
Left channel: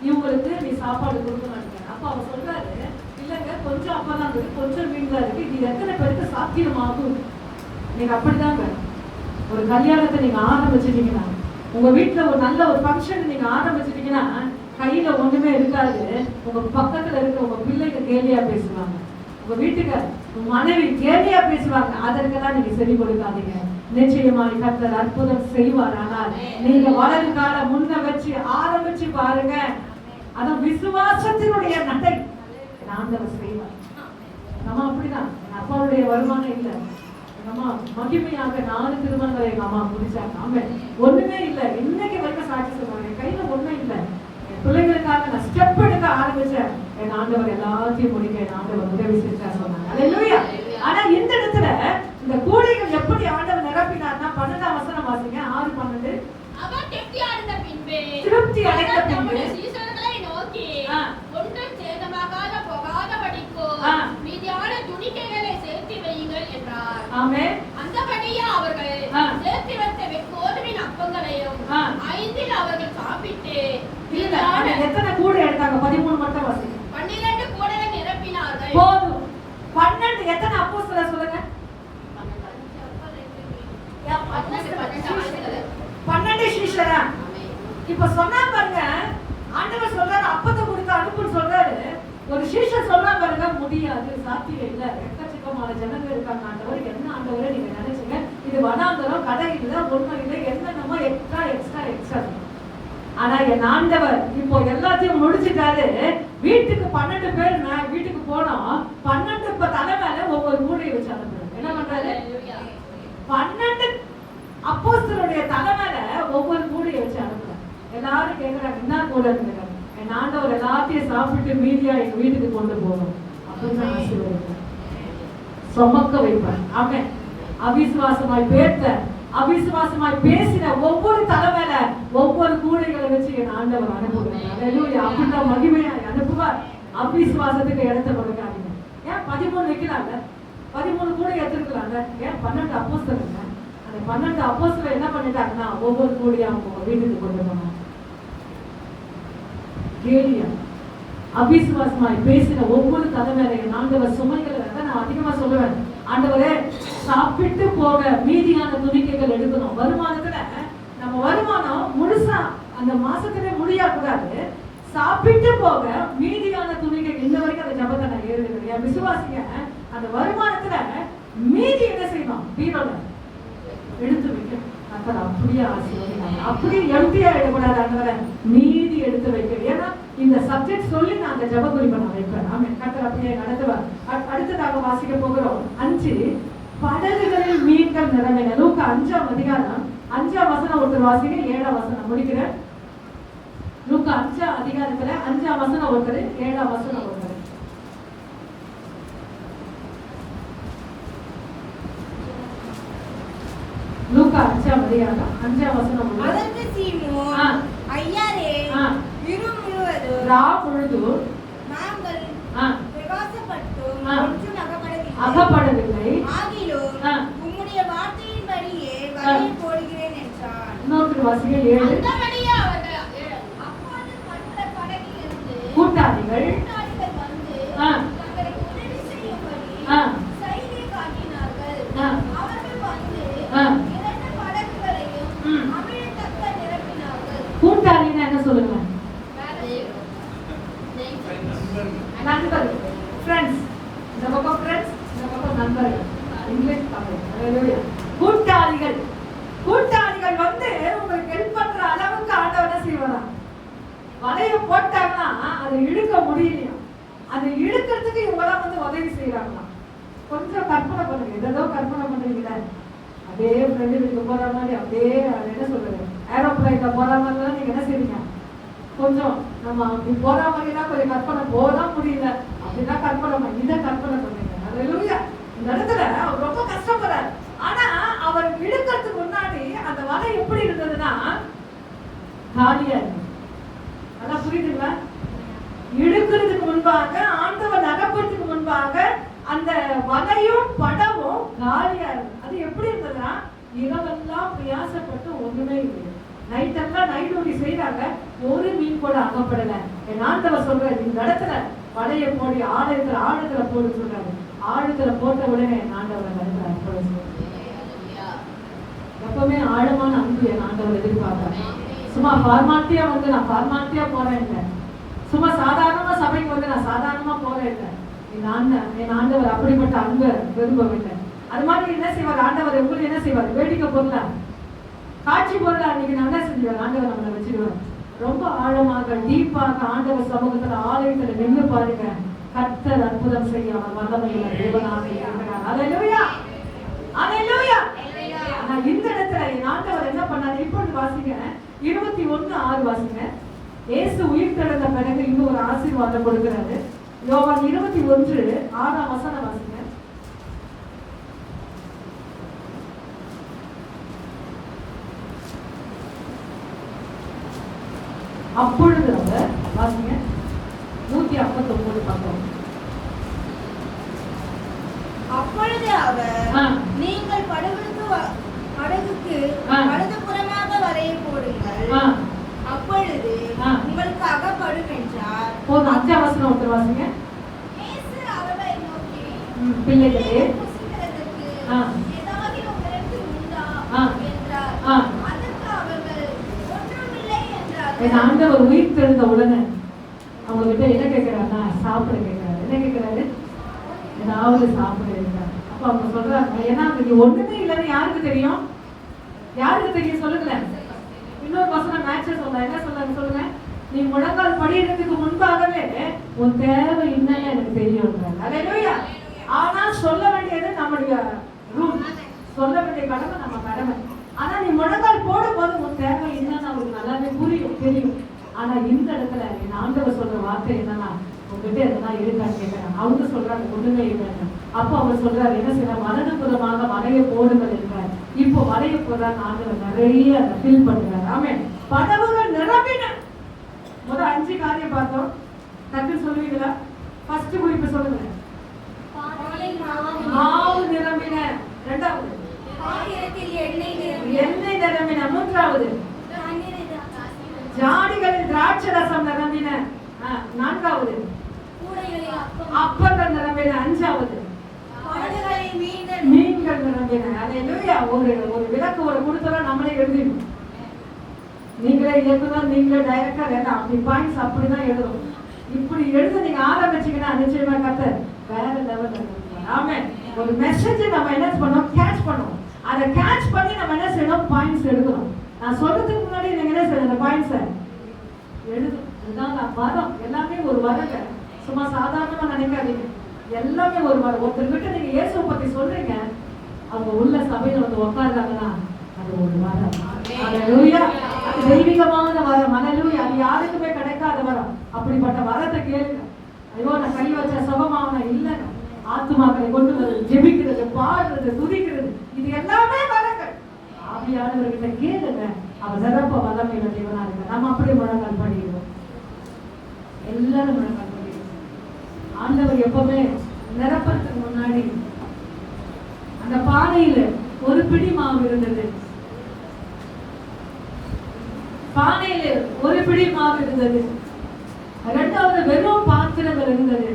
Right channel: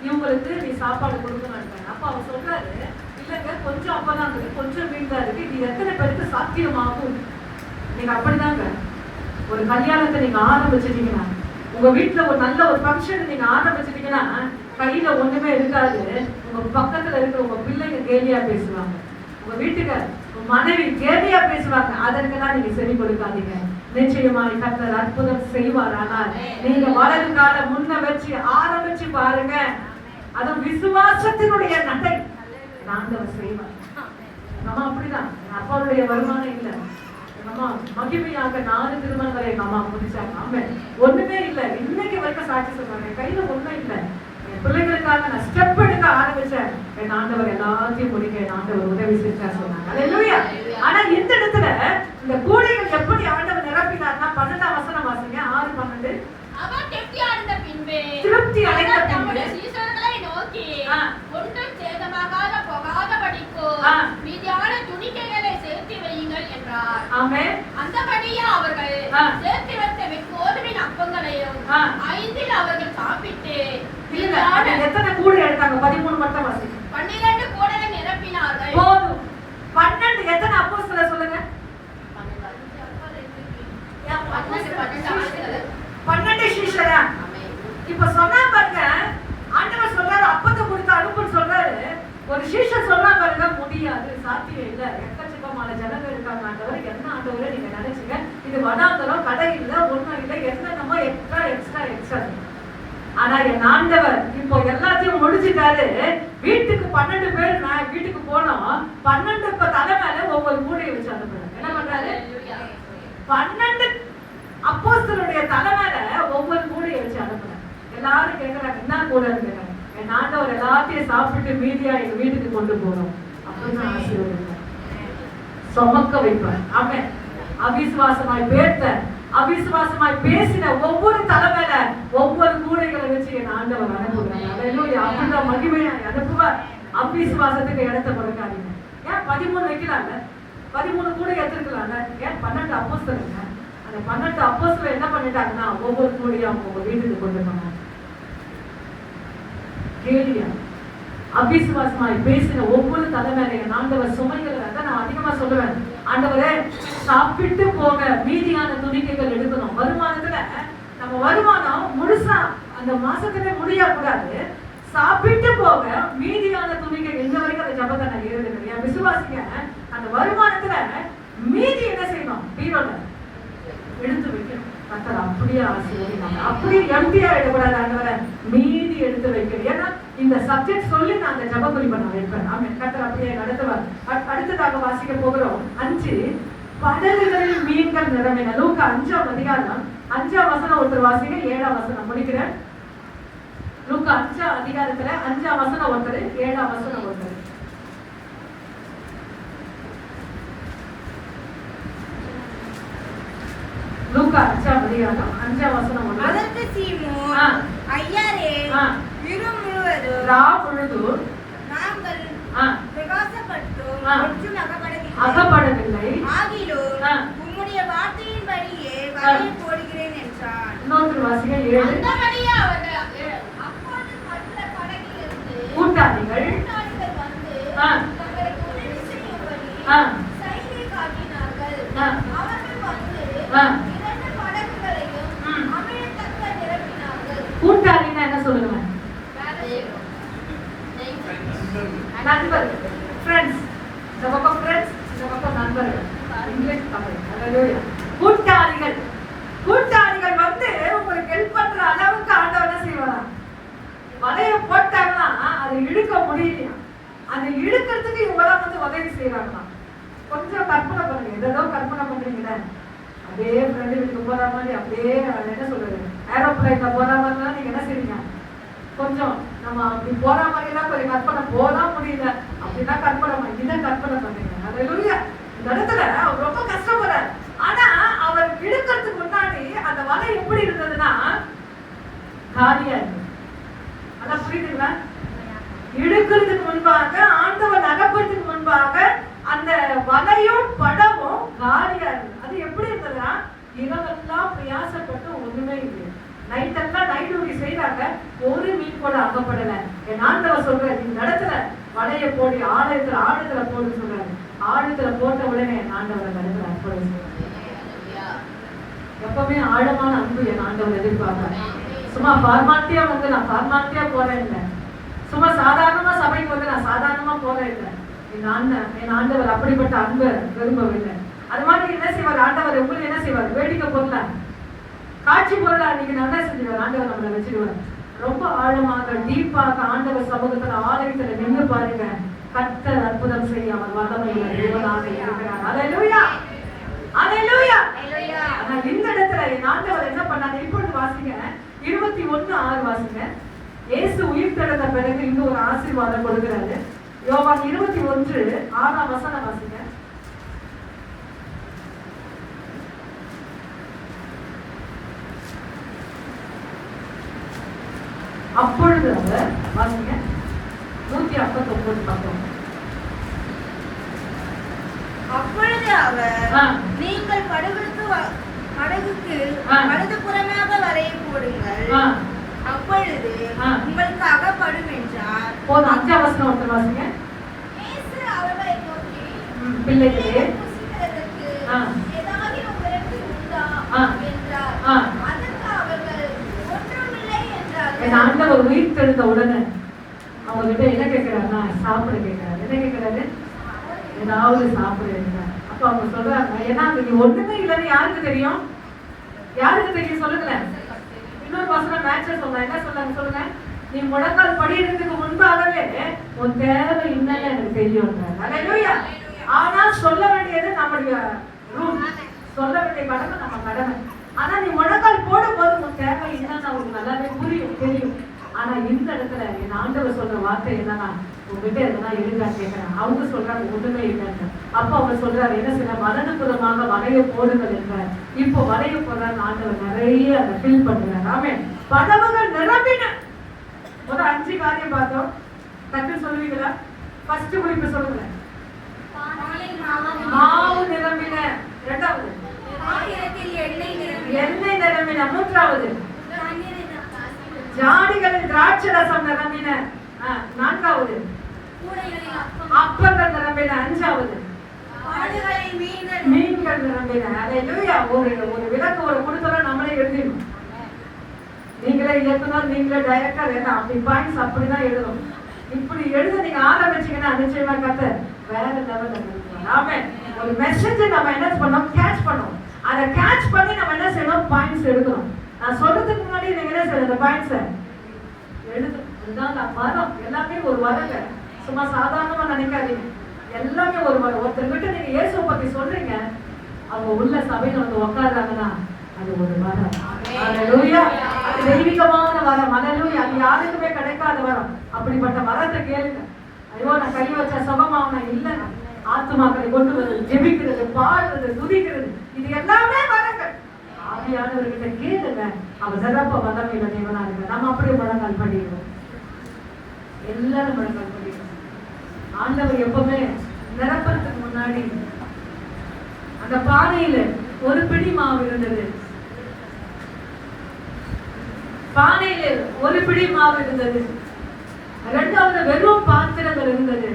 இவங்களுக்கு நீ சாப்பாடு கொடுக்கணும். அப்ப அவர் சொல்றாரு, இல்லங்க கொஞ்சம் அப்பம் தான் இருக்கு, கொஞ்சம் மீன் தான் இருக்கு, இது எத்தனை பேருக்கு சாத்தியமாகும்? நீங்க அப்படிதாங்க ஒரு கல்யாணத்தை நீங்க ஆரம்பிச்சிட்டீங்கன்னா, உங்க வீட்டுல ஒரு நல்ல ஒரு ஃபங்க்ஷன் நீங்க ஆரம்பிச்சிட்டீங்கன்னா, கையில ஒண்ணுமே இருக்காது. உங்க பக்கத்துல இருக்கிற உங்க பிள்ளைங்க கேலியா பேசுவாங்க, உங்க வீட்டுக்கு உங்க மனைவி கேலியா பேசுவாங்க. அதற்கெல்லாம் நீங்க செவி கொடுக்காதீங்க. நிச்சயமாக கர்த்தர் அற்புதம் செய்வார். ஆனால் நீங்க வலது கால முன்ன வச்சு ஆரம்பிச்சு பாருங்க. அது விசுவாசத்தினுடைய நடை. ஆண்டவர் செய்வார். நம்ம அப்படிதான். அப்பாவுடைய வருமானம் இல்லை, அம்மா மகிமையாக 4 திருமணங்களை எங்க அம்மா முடிச்சாங்க. ஆமென். ஒண்ணுமே இல்லை, இன்னைக்கு வரைக்கும் சாட்சி சொல்றாங்க, கையில ஒண்ணும் இல்லை. என் பிள்ளைகளுக்காக நான் ஸ்டெப் எடுக்க ஆரம்பிச்சேன். என் ஆண்டவர் எல்லாத்தையும் முடிக்க என் ஆண்டவர் உதவி செஞ்சா சொன்னாங்க. அல்லேலூயா. ஆனா இந்த இடத்துல இந்த கூடைகள் எப்படி ஆண்டவர் நிரப்பினார்னா, 12ஆம் வசனம் வாசிங்க. 6:12. அவர் திருப்தி அடைந்த பின்பு சீஷர்களை நோக்கி ஒன்றும் சேதமாகாத போகாதபடிக்கு மீதியான துணிக்கைகளை சேர்த்து வையுங்கள் என்றார். ஆமென். அந்தபடியே அவர்கள் சேர்த்து வைத்த கோதுமையின் அப்பங்களையும் 5 அவர்கள் சாப்பிட்டு எத்தனை கூடை எடுத்தாங்க? 13 மட்டும் வாசிங்க. 12 கூடையை நிரப்பினார்கள். போதும். 12 எத்தனை அப்போஸ்தலர் சொல்லுங்க? 12 சீஷரா? இப்ப சொன்னா பாருங்க, ஆண்டவர் சொல்றாரு அப்பத்தை கொடுத்து அனுப்புன்னு சொல்றாரு. ஒரு சீஷர் சொல்றா பாருங்க, முடியாது, சாத்தியம் இல்ல, எக்கச்சக்கமான ஜனங்கள் இருக்காங்க ஆண்டவர், என்ன ஆண்டவரை நீங்க நினைச்சுங்க, இது வனாந்தரம், கடை இல்ல, ஒண்ணும் இல்ல, என்னென்னமோ எக்ஸ்ட்ரா. ஆனா என் ஆண்டவர் இப்போ எல்லாத்தையும் முடிச்சுட்டாரு. வீட்டுக்கு 12 பேர் வீட்டுக்கு போனோம். 12 தலை மேல ஒவ்வொரு கூடையை வச்சு அனுப்புறாரு. என்ன பண்றாரு? 12 அப்போஸ்தலருடைய தலை மேல ஒவ்வொரு கூடையை வச்சு அனுப்புறாரு. எல்லாரும் கேட்கறாங்க, என்ன கூட இருக்கு? என் ஆண்டவர் எல்லாத்தையும் சாப்பிட்டு மீதியா எங்க வீட்டுக்கு கொண்டு போறோம் அப்படின்னு ஆசீர்வதிப்பார், சுமக்க வைப்பார். அவன் அவிசுவாசமாய் அவிசுவாசமாய் பேசின ஒவ்வொரு தலைமையில ஒவ்வொரு கூடைகளை வச்சு என் ஆண்டவர் அனுப்புகிறார். அப்படிதான் மகிமையா அனுப்புவார். அவிசுவாசத்துக்கு இடத்த கொடுக்காதீங்க. ஏன் 13 வைக்கிறாங்க? 13 கூடை எடுத்துருக்கலாங்க. ஏன் 12 அப்போஸ்தலர்? அந்த 12 அப்போஸ்தலர் என்ன பண்ணிட்டாங்கன்னா, ஒவ்வொரு கூடையா உங்க வீட்டுக்கு கொண்டு போனாங்க. கேலியா அவிசுவாசமாய் பேசின ஒவ்வொரு தலைமையில என் ஆண்டவர் சுமைகள் நான் அதிகமா சொல்லுவேன். ஆண்டவரே, சாப்பிட்டு போக மீதியான துணிக்கைகள் எடுக்கணும். வருமானத்துல நம்ம வருமானம் முழுசா அந்த மாசத்துல முடியக்கூடாது. சாப்பிட்டு போக மீதியான துணிகள் இன்ன வரைக்கும் அந்த ஜபத்தை நான் ஏறுகிறேன். என் விசுவாசிங்க அந்த வருமானத்துல மீதி என்ன செய்யணும்? பீரோல எடுத்து வைக்கணும். கர்த்தர் அப்படியே ஆசீர்வதிப்பாங்க. அப்படியே எம்டியா எடுக்கூடாது. ஆண்டவரே, மீதி எடுத்து வைக்கணும். ஏன்னா இந்த சப்ஜெக்ட் சொல்லி நான் அந்த ஜப குறிப்பை நான் வைப்பேன். ஆமென். கர்த்தர் அப்படியே நடத்துவார். அடுத்ததாக வாசிக்க போகிறோம் 5. படகுகளில் மீன்கள் நிரம்பின. லூக்கா 5ஆம் அதிகாரம் 5ஆம் வசனம் ஒருத்தர் வாசிங்க, 7ஆம் வசனம் முடிக்கிறேன். லூக்கா 5ஆம் அதிகாரத்துல 5ஆம் வசனம் ஒருத்தர், 7ஆம் வசனம் ஒருத்தர். லூக்கா 5ஆம் அதிகாரம் 5ஆம் வசனம் ஒருத்தர். அதற்கு சீமோன், ஐயாரே, இரவு முழுவதும் ரா பொழுது நாங்கள் பிரகாசப்பட்டும் ஒன்றும் அகப்படவில்லை, ஆகிலும் உம்முடைய வார்த்தையின்படியே வலையை போடுகிறேன் என்றான். இன்னொரு வாசிங்க 7. அந்தபடியே அவர்கள் அப்பொழுது மற்ற படகிலிருந்து கூட்டாளிகள் வந்து தங்களுக்கு உதவி செய்யும்படி செய்கை காட்டினார்கள். அவர்கள் வந்து 2 படகுகளையும் அமிழ்தக்க நிரப்பினார்கள். கூட்டாளின்னா என்ன சொல்லுங்க? நண்பர், ஃப்ரெண்ட்ஸ். இந்த பக்கம் ஃப்ரெண்ட்ஸ், இந்த பக்கம் நண்பர்கள். இங்கிலீஷ் தமிழ். ஹalleluya. கூட்டாளிகள். கூட்டாளிகள் வந்து உங்களுக்கு ஹெல்ப் பண்ற அளவுக்கு ஆண்டவர் என்ன செய்வாரா? வலைய போட்டாங்கன்னா அதை இழுக்க முடியலையா? அதை இழுக்கிறதுக்கு இவங்களாம் வந்து உதவி செய்யறாங்களாம். கொஞ்சம் கற்பனை பண்ணுங்க, ஏதோ கற்பனை பண்றீங்களே, அதே ஃப்ரெண்டுக்கு போற மாதிரி அப்படியே என்ன சொல்றது, ஏரோப்ளைன்ல போற மாதிரி தான் நீங்க என்ன செய்வீங்க? கொஞ்சம் நம்ம அப்படி போற மாதிரி தான் கொஞ்சம் கற்பனை போதான் முடியல அப்படின்னா கற்பனை இதை கற்பனை பண்ணுங்க. ஹalleluya. இந்த இடத்துல அவர் ரொம்ப கஷ்டப்படுறார். ஆனா அவர் இழுக்கிறதுக்கு முன்னாடி அந்த வலை எப்படி இருந்ததுன்னா காலியா இருக்கு. அதான் புரியுதுங்களா? இழுக்கிறதுக்கு முன்பாக, ஆண்டவர் நகர்ப்பதற்கு முன்பாக அந்த வலையும் படமும் காலியா இருக்கு. அது எப்படி இருந்ததுன்னா இரவெல்லாம் பிரயாசப்பட்டு ஒண்ணுமே இல்லை. நைட் எல்லாம் நைட் டியூட்டி செய்யறாங்க, ஒரு மீன் கூட அகப்படல. என் ஆண்டவர் சொல்றாரு, இந்த இடத்துல வலைய போடி ஆழத்துல போடு சொல்றாரு. ஆழத்துல போட்ட உடனே என் ஆண்டவர் இடத்துல அற்புதம் செய்றார். எப்பவுமே ஆழமான அன்பு என் ஆண்டவர் எதிர்பார்த்தார். சும்மா ஃபார்மாலிட்டியா வந்து நான் ஃபார்மாலிட்டியா போறேன் இல்லை, சும்மா சாதாரணமா சபைக்கு வந்து நான் சாதாரணமா போறேன் இல்லை. என் ஆண்டவர் அப்படிப்பட்ட அன்பை விரும்பவில்லை. அது மாதிரி என்ன செய்வார் ஆண்டவர்? உங்களுக்கு என்ன செய்வார்? வேடிக்கை பொருள காட்சி பொருளா நீங்க நல்லா செஞ்சுவார். ஆண்டவர் நம்மளை வச்சிடுவார். ரொம்ப ஆழமாக டீப்பாக ஆண்டவர் சமூகத்துல ஆலயத்துல நின்று பாருங்க. கர்த்தர் அற்புதம் செய்ய அவர் வல்லமையுள்ள தேவனாக இருக்கிறார். ஹalleluya, ஹalleluya. ஆனா இந்த இடத்துல என் ஆண்டவர் என்ன பண்ணாரு? இப்பொழுது வாசிங்க 21:6 வாசிங்க. இயேசு உயிர் தெழுந்த பிறகு இன்னும் ஒரு ஆசீர்வாதம் கொடுக்கிறாரு. யோவான் 21:6 வசனம் வாசிங்க. அப்பொழுது அவர் வாசிங்க 159 பக்கம். அப்பொழுது அவர், நீங்கள் படகுக்கு வலது புறமாக வலையை போடுங்கள், அப்பொழுது உங்களுக்கு அகப்படும் என்றார். போதும். 5ஆம் வசனம் ஒருத்தர் வாசிங்க. இயேசு அவர்களை நோக்கி, பிள்ளைகளே புசிக்கிறதற்கு ஏதாவது உங்களிடத்தில் உண்டா என்றார். அதற்கு அவர்கள், ஒன்றுமில்லை என்றார்கள். என் ஆண்டவர் உயிர் தெழுந்த உடனே அவங்க கிட்ட என்ன கேட்கிறாருன்னா சாப்பிட கேட்கிறாரு. என்ன கேட்கிறாரு? ஏதாவது சாப்பிட இருக்கிறார். அப்ப அவங்க சொல்றாங்க, ஏன்னா இது ஒண்ணுமே இல்லைன்னு யாருக்கு தெரியும்? யாருக்கு தெரியும் சொல்லுங்களேன்? இன்னொரு பசங்க மேட்ச சொல்றாங்க. என்ன சொல்றாங்க சொல்லுங்க? நீ முழங்கால் படிக்கிறதுக்கு முன்பாகவே உன் தேவை என்னன்னு எனக்கு தெரியும். ஆனா சொல்ல வேண்டியது நம்மளுடைய ரூல், சொல்ல வேண்டிய கடமை நம்ம கடமை. ஆனா நீ முழங்கால் போடும் போது உன் தேவை என்னன்னு அவங்களுக்கு நல்லாவே புரியும், தெரியும். ஆனா இந்த இடத்துல என் ஆண்டவர் சொல்ற வார்த்தை என்னன்னா, உங்ககிட்ட எதனா இருக்கா கேட்கிறேன். அவங்க சொல்றாங்க ஒண்ணுமே இல்லைன்னு. அப்ப அவர் சொல்றாரு, என்ன செய்ய, வலதுபுறமாக வலைய போடுங்கள் என்றார். இப்போ வலைய போடுறாங்க ஆண்டவர் நிறைய அதை ஃபில் பண்ணுறாரு. ஆமென். படகுகள் நிரம்பின. முதல் 5 காரியம் பார்த்தோம். டக்கு சொல்லுவீங்களா? ஃபர்ஸ்ட் குறிப்பு சொல்லுங்க. மாவு நிரம்பின. இரண்டாவது எண்ணெய் நிரம்பின. மூன்றாவது ஜாடிகளில் திராட்சை ரசம் நிரம்பின. நான்காவது அப்பங்கள் நிரம்பின. அஞ்சாவது மீன்கள் நிரம்பின. ஹalleluya. ஒரு விளக்கு ஒரு கொடுத்தல நம்மளே எழுதிடணும். நீங்களே இயக்குனர், நீங்களே டைரக்டர், எல்லாம் அப்படி பாயிண்ட்ஸ் அப்படிதான் எழுதணும். இப்படி எழுத நீங்க ஆரம்பிச்சீங்கன்னா நிச்சயமா கர்த்தர் வேற லெவல்ல இருக்கும். ஆமென். ஒரு மெசேஜ் நம்ம என்ன பண்ணோம்? கேட்ச் பண்ணோம். அதை கேட்ச் பண்ணி நம்ம என்ன செய்யணும்? பாயிண்ட்ஸ் எடுக்கணும். நான் சொல்றதுக்கு முன்னாடி நீங்க என்ன செய்யணும்? அந்த பாயிண்ட்ஸ் எழுதணும். இதுதான் வரம். எல்லாமே ஒரு வரங்க. சும்மா சாதாரணமா நினைக்காதீங்க. எல்லாமே ஒரு வரம். ஒருத்தர்கிட்ட நீங்க இயேசுவை பத்தி சொல்றீங்க, அவங்க உள்ள சபையில வந்து உட்கார்றாங்கன்னா அது ஒரு வரம். ஹalleluya. அது தெய்வீகமான வரம். ஹalleluya. அது யாருக்குமே கிடைக்காத வரம். அப்படிப்பட்ட வரத்தை கேளுங்க. ஐயோ நான் கை வச்ச சுகமாவன இல்ல, ஆத்துமாக்களை கொண்டு வந்து ஜெபிக்கிறது, பாடுறது, துதிக்கிறது, இது எல்லாமே வரங்கள். ஆவியானவர்கிட்ட கேளுங்க, அவர் நிரப்ப வல்லமையுள்ள தேவனா இருக்க. நம்ம அப்படியே முழங்கால் பண்ணிடுவோம். எல்லாரும் முழங்கால் பண்ணிடுவோம். ஆண்டவர் எப்பவுமே நிரப்பறதுக்கு முன்னாடி அந்த பானையில ஒரு பிடி மாவு இருந்தது. பானையில ஒரு பிடி மாவு இருந்தது. இரண்டாவது வெறும் பாத்திரங்கள் இருந்தது.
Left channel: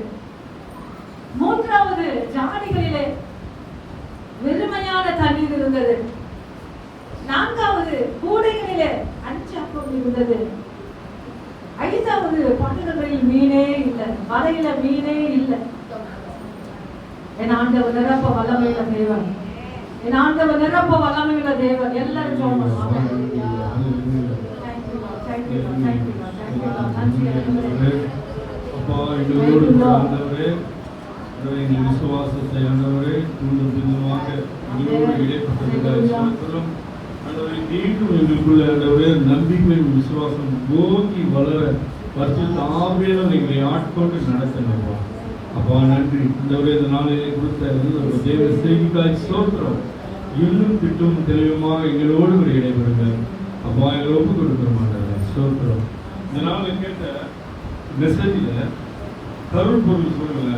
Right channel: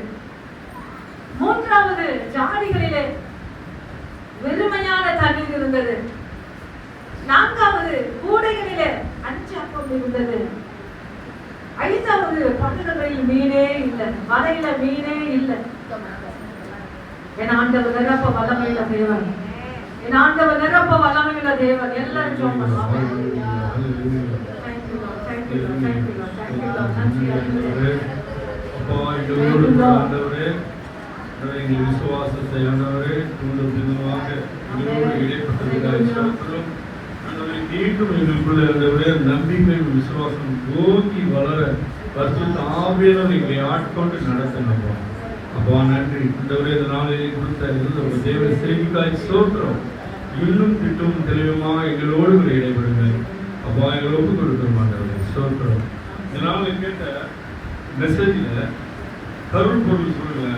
மூன்றாவது ஜாடிகளிலே வெறுமையான தண்ணீர் இருந்தது. நான்காவது கூடைகளிலே 5 அப்பம் இருந்தது. ஐந்தாவது படகுகளில் மீனே இல்லை, வலையில மீனே இல்லை. என் ஆண்டவர் நிரப்ப வல்லமையுள்ள தேவன், என் ஆண்டவர் நிரப்ப வல்லமையுள்ள தேவன். எல்லாரும் ஜெபம் பண்ணுவாங்க. விசுவாசத்தை ஆண்டவரே தூண்டும் பின்னமாக எங்களோடு இடைப்பட்டதுக்காக மீண்டும் எங்களுக்குள்ள ஆண்டவரே நம்பிக்கை விசுவாசம் ஓங்கி வளர பரிசுத்த ஆவியானவர் எங்களை ஆட்கொண்டு நடத்தணுமா. அப்பா நன்றி. ஆண்டவரே இந்த நாளிலே கொடுத்த தேவ செய்திக்காய் ஸ்தோத்திரம். இன்னும் திட்டும் தெளிவுமா எங்களோடு ஒரு இடைபெறுங்க. அப்பா எங்களை ஒப்பு கொடுக்கிறோம் ஆண்டவரே ஸ்தோத்திரம். இந்த நாளில் கேட்ட மெசேஜில் கருள் பொருள் சொல்லுங்க.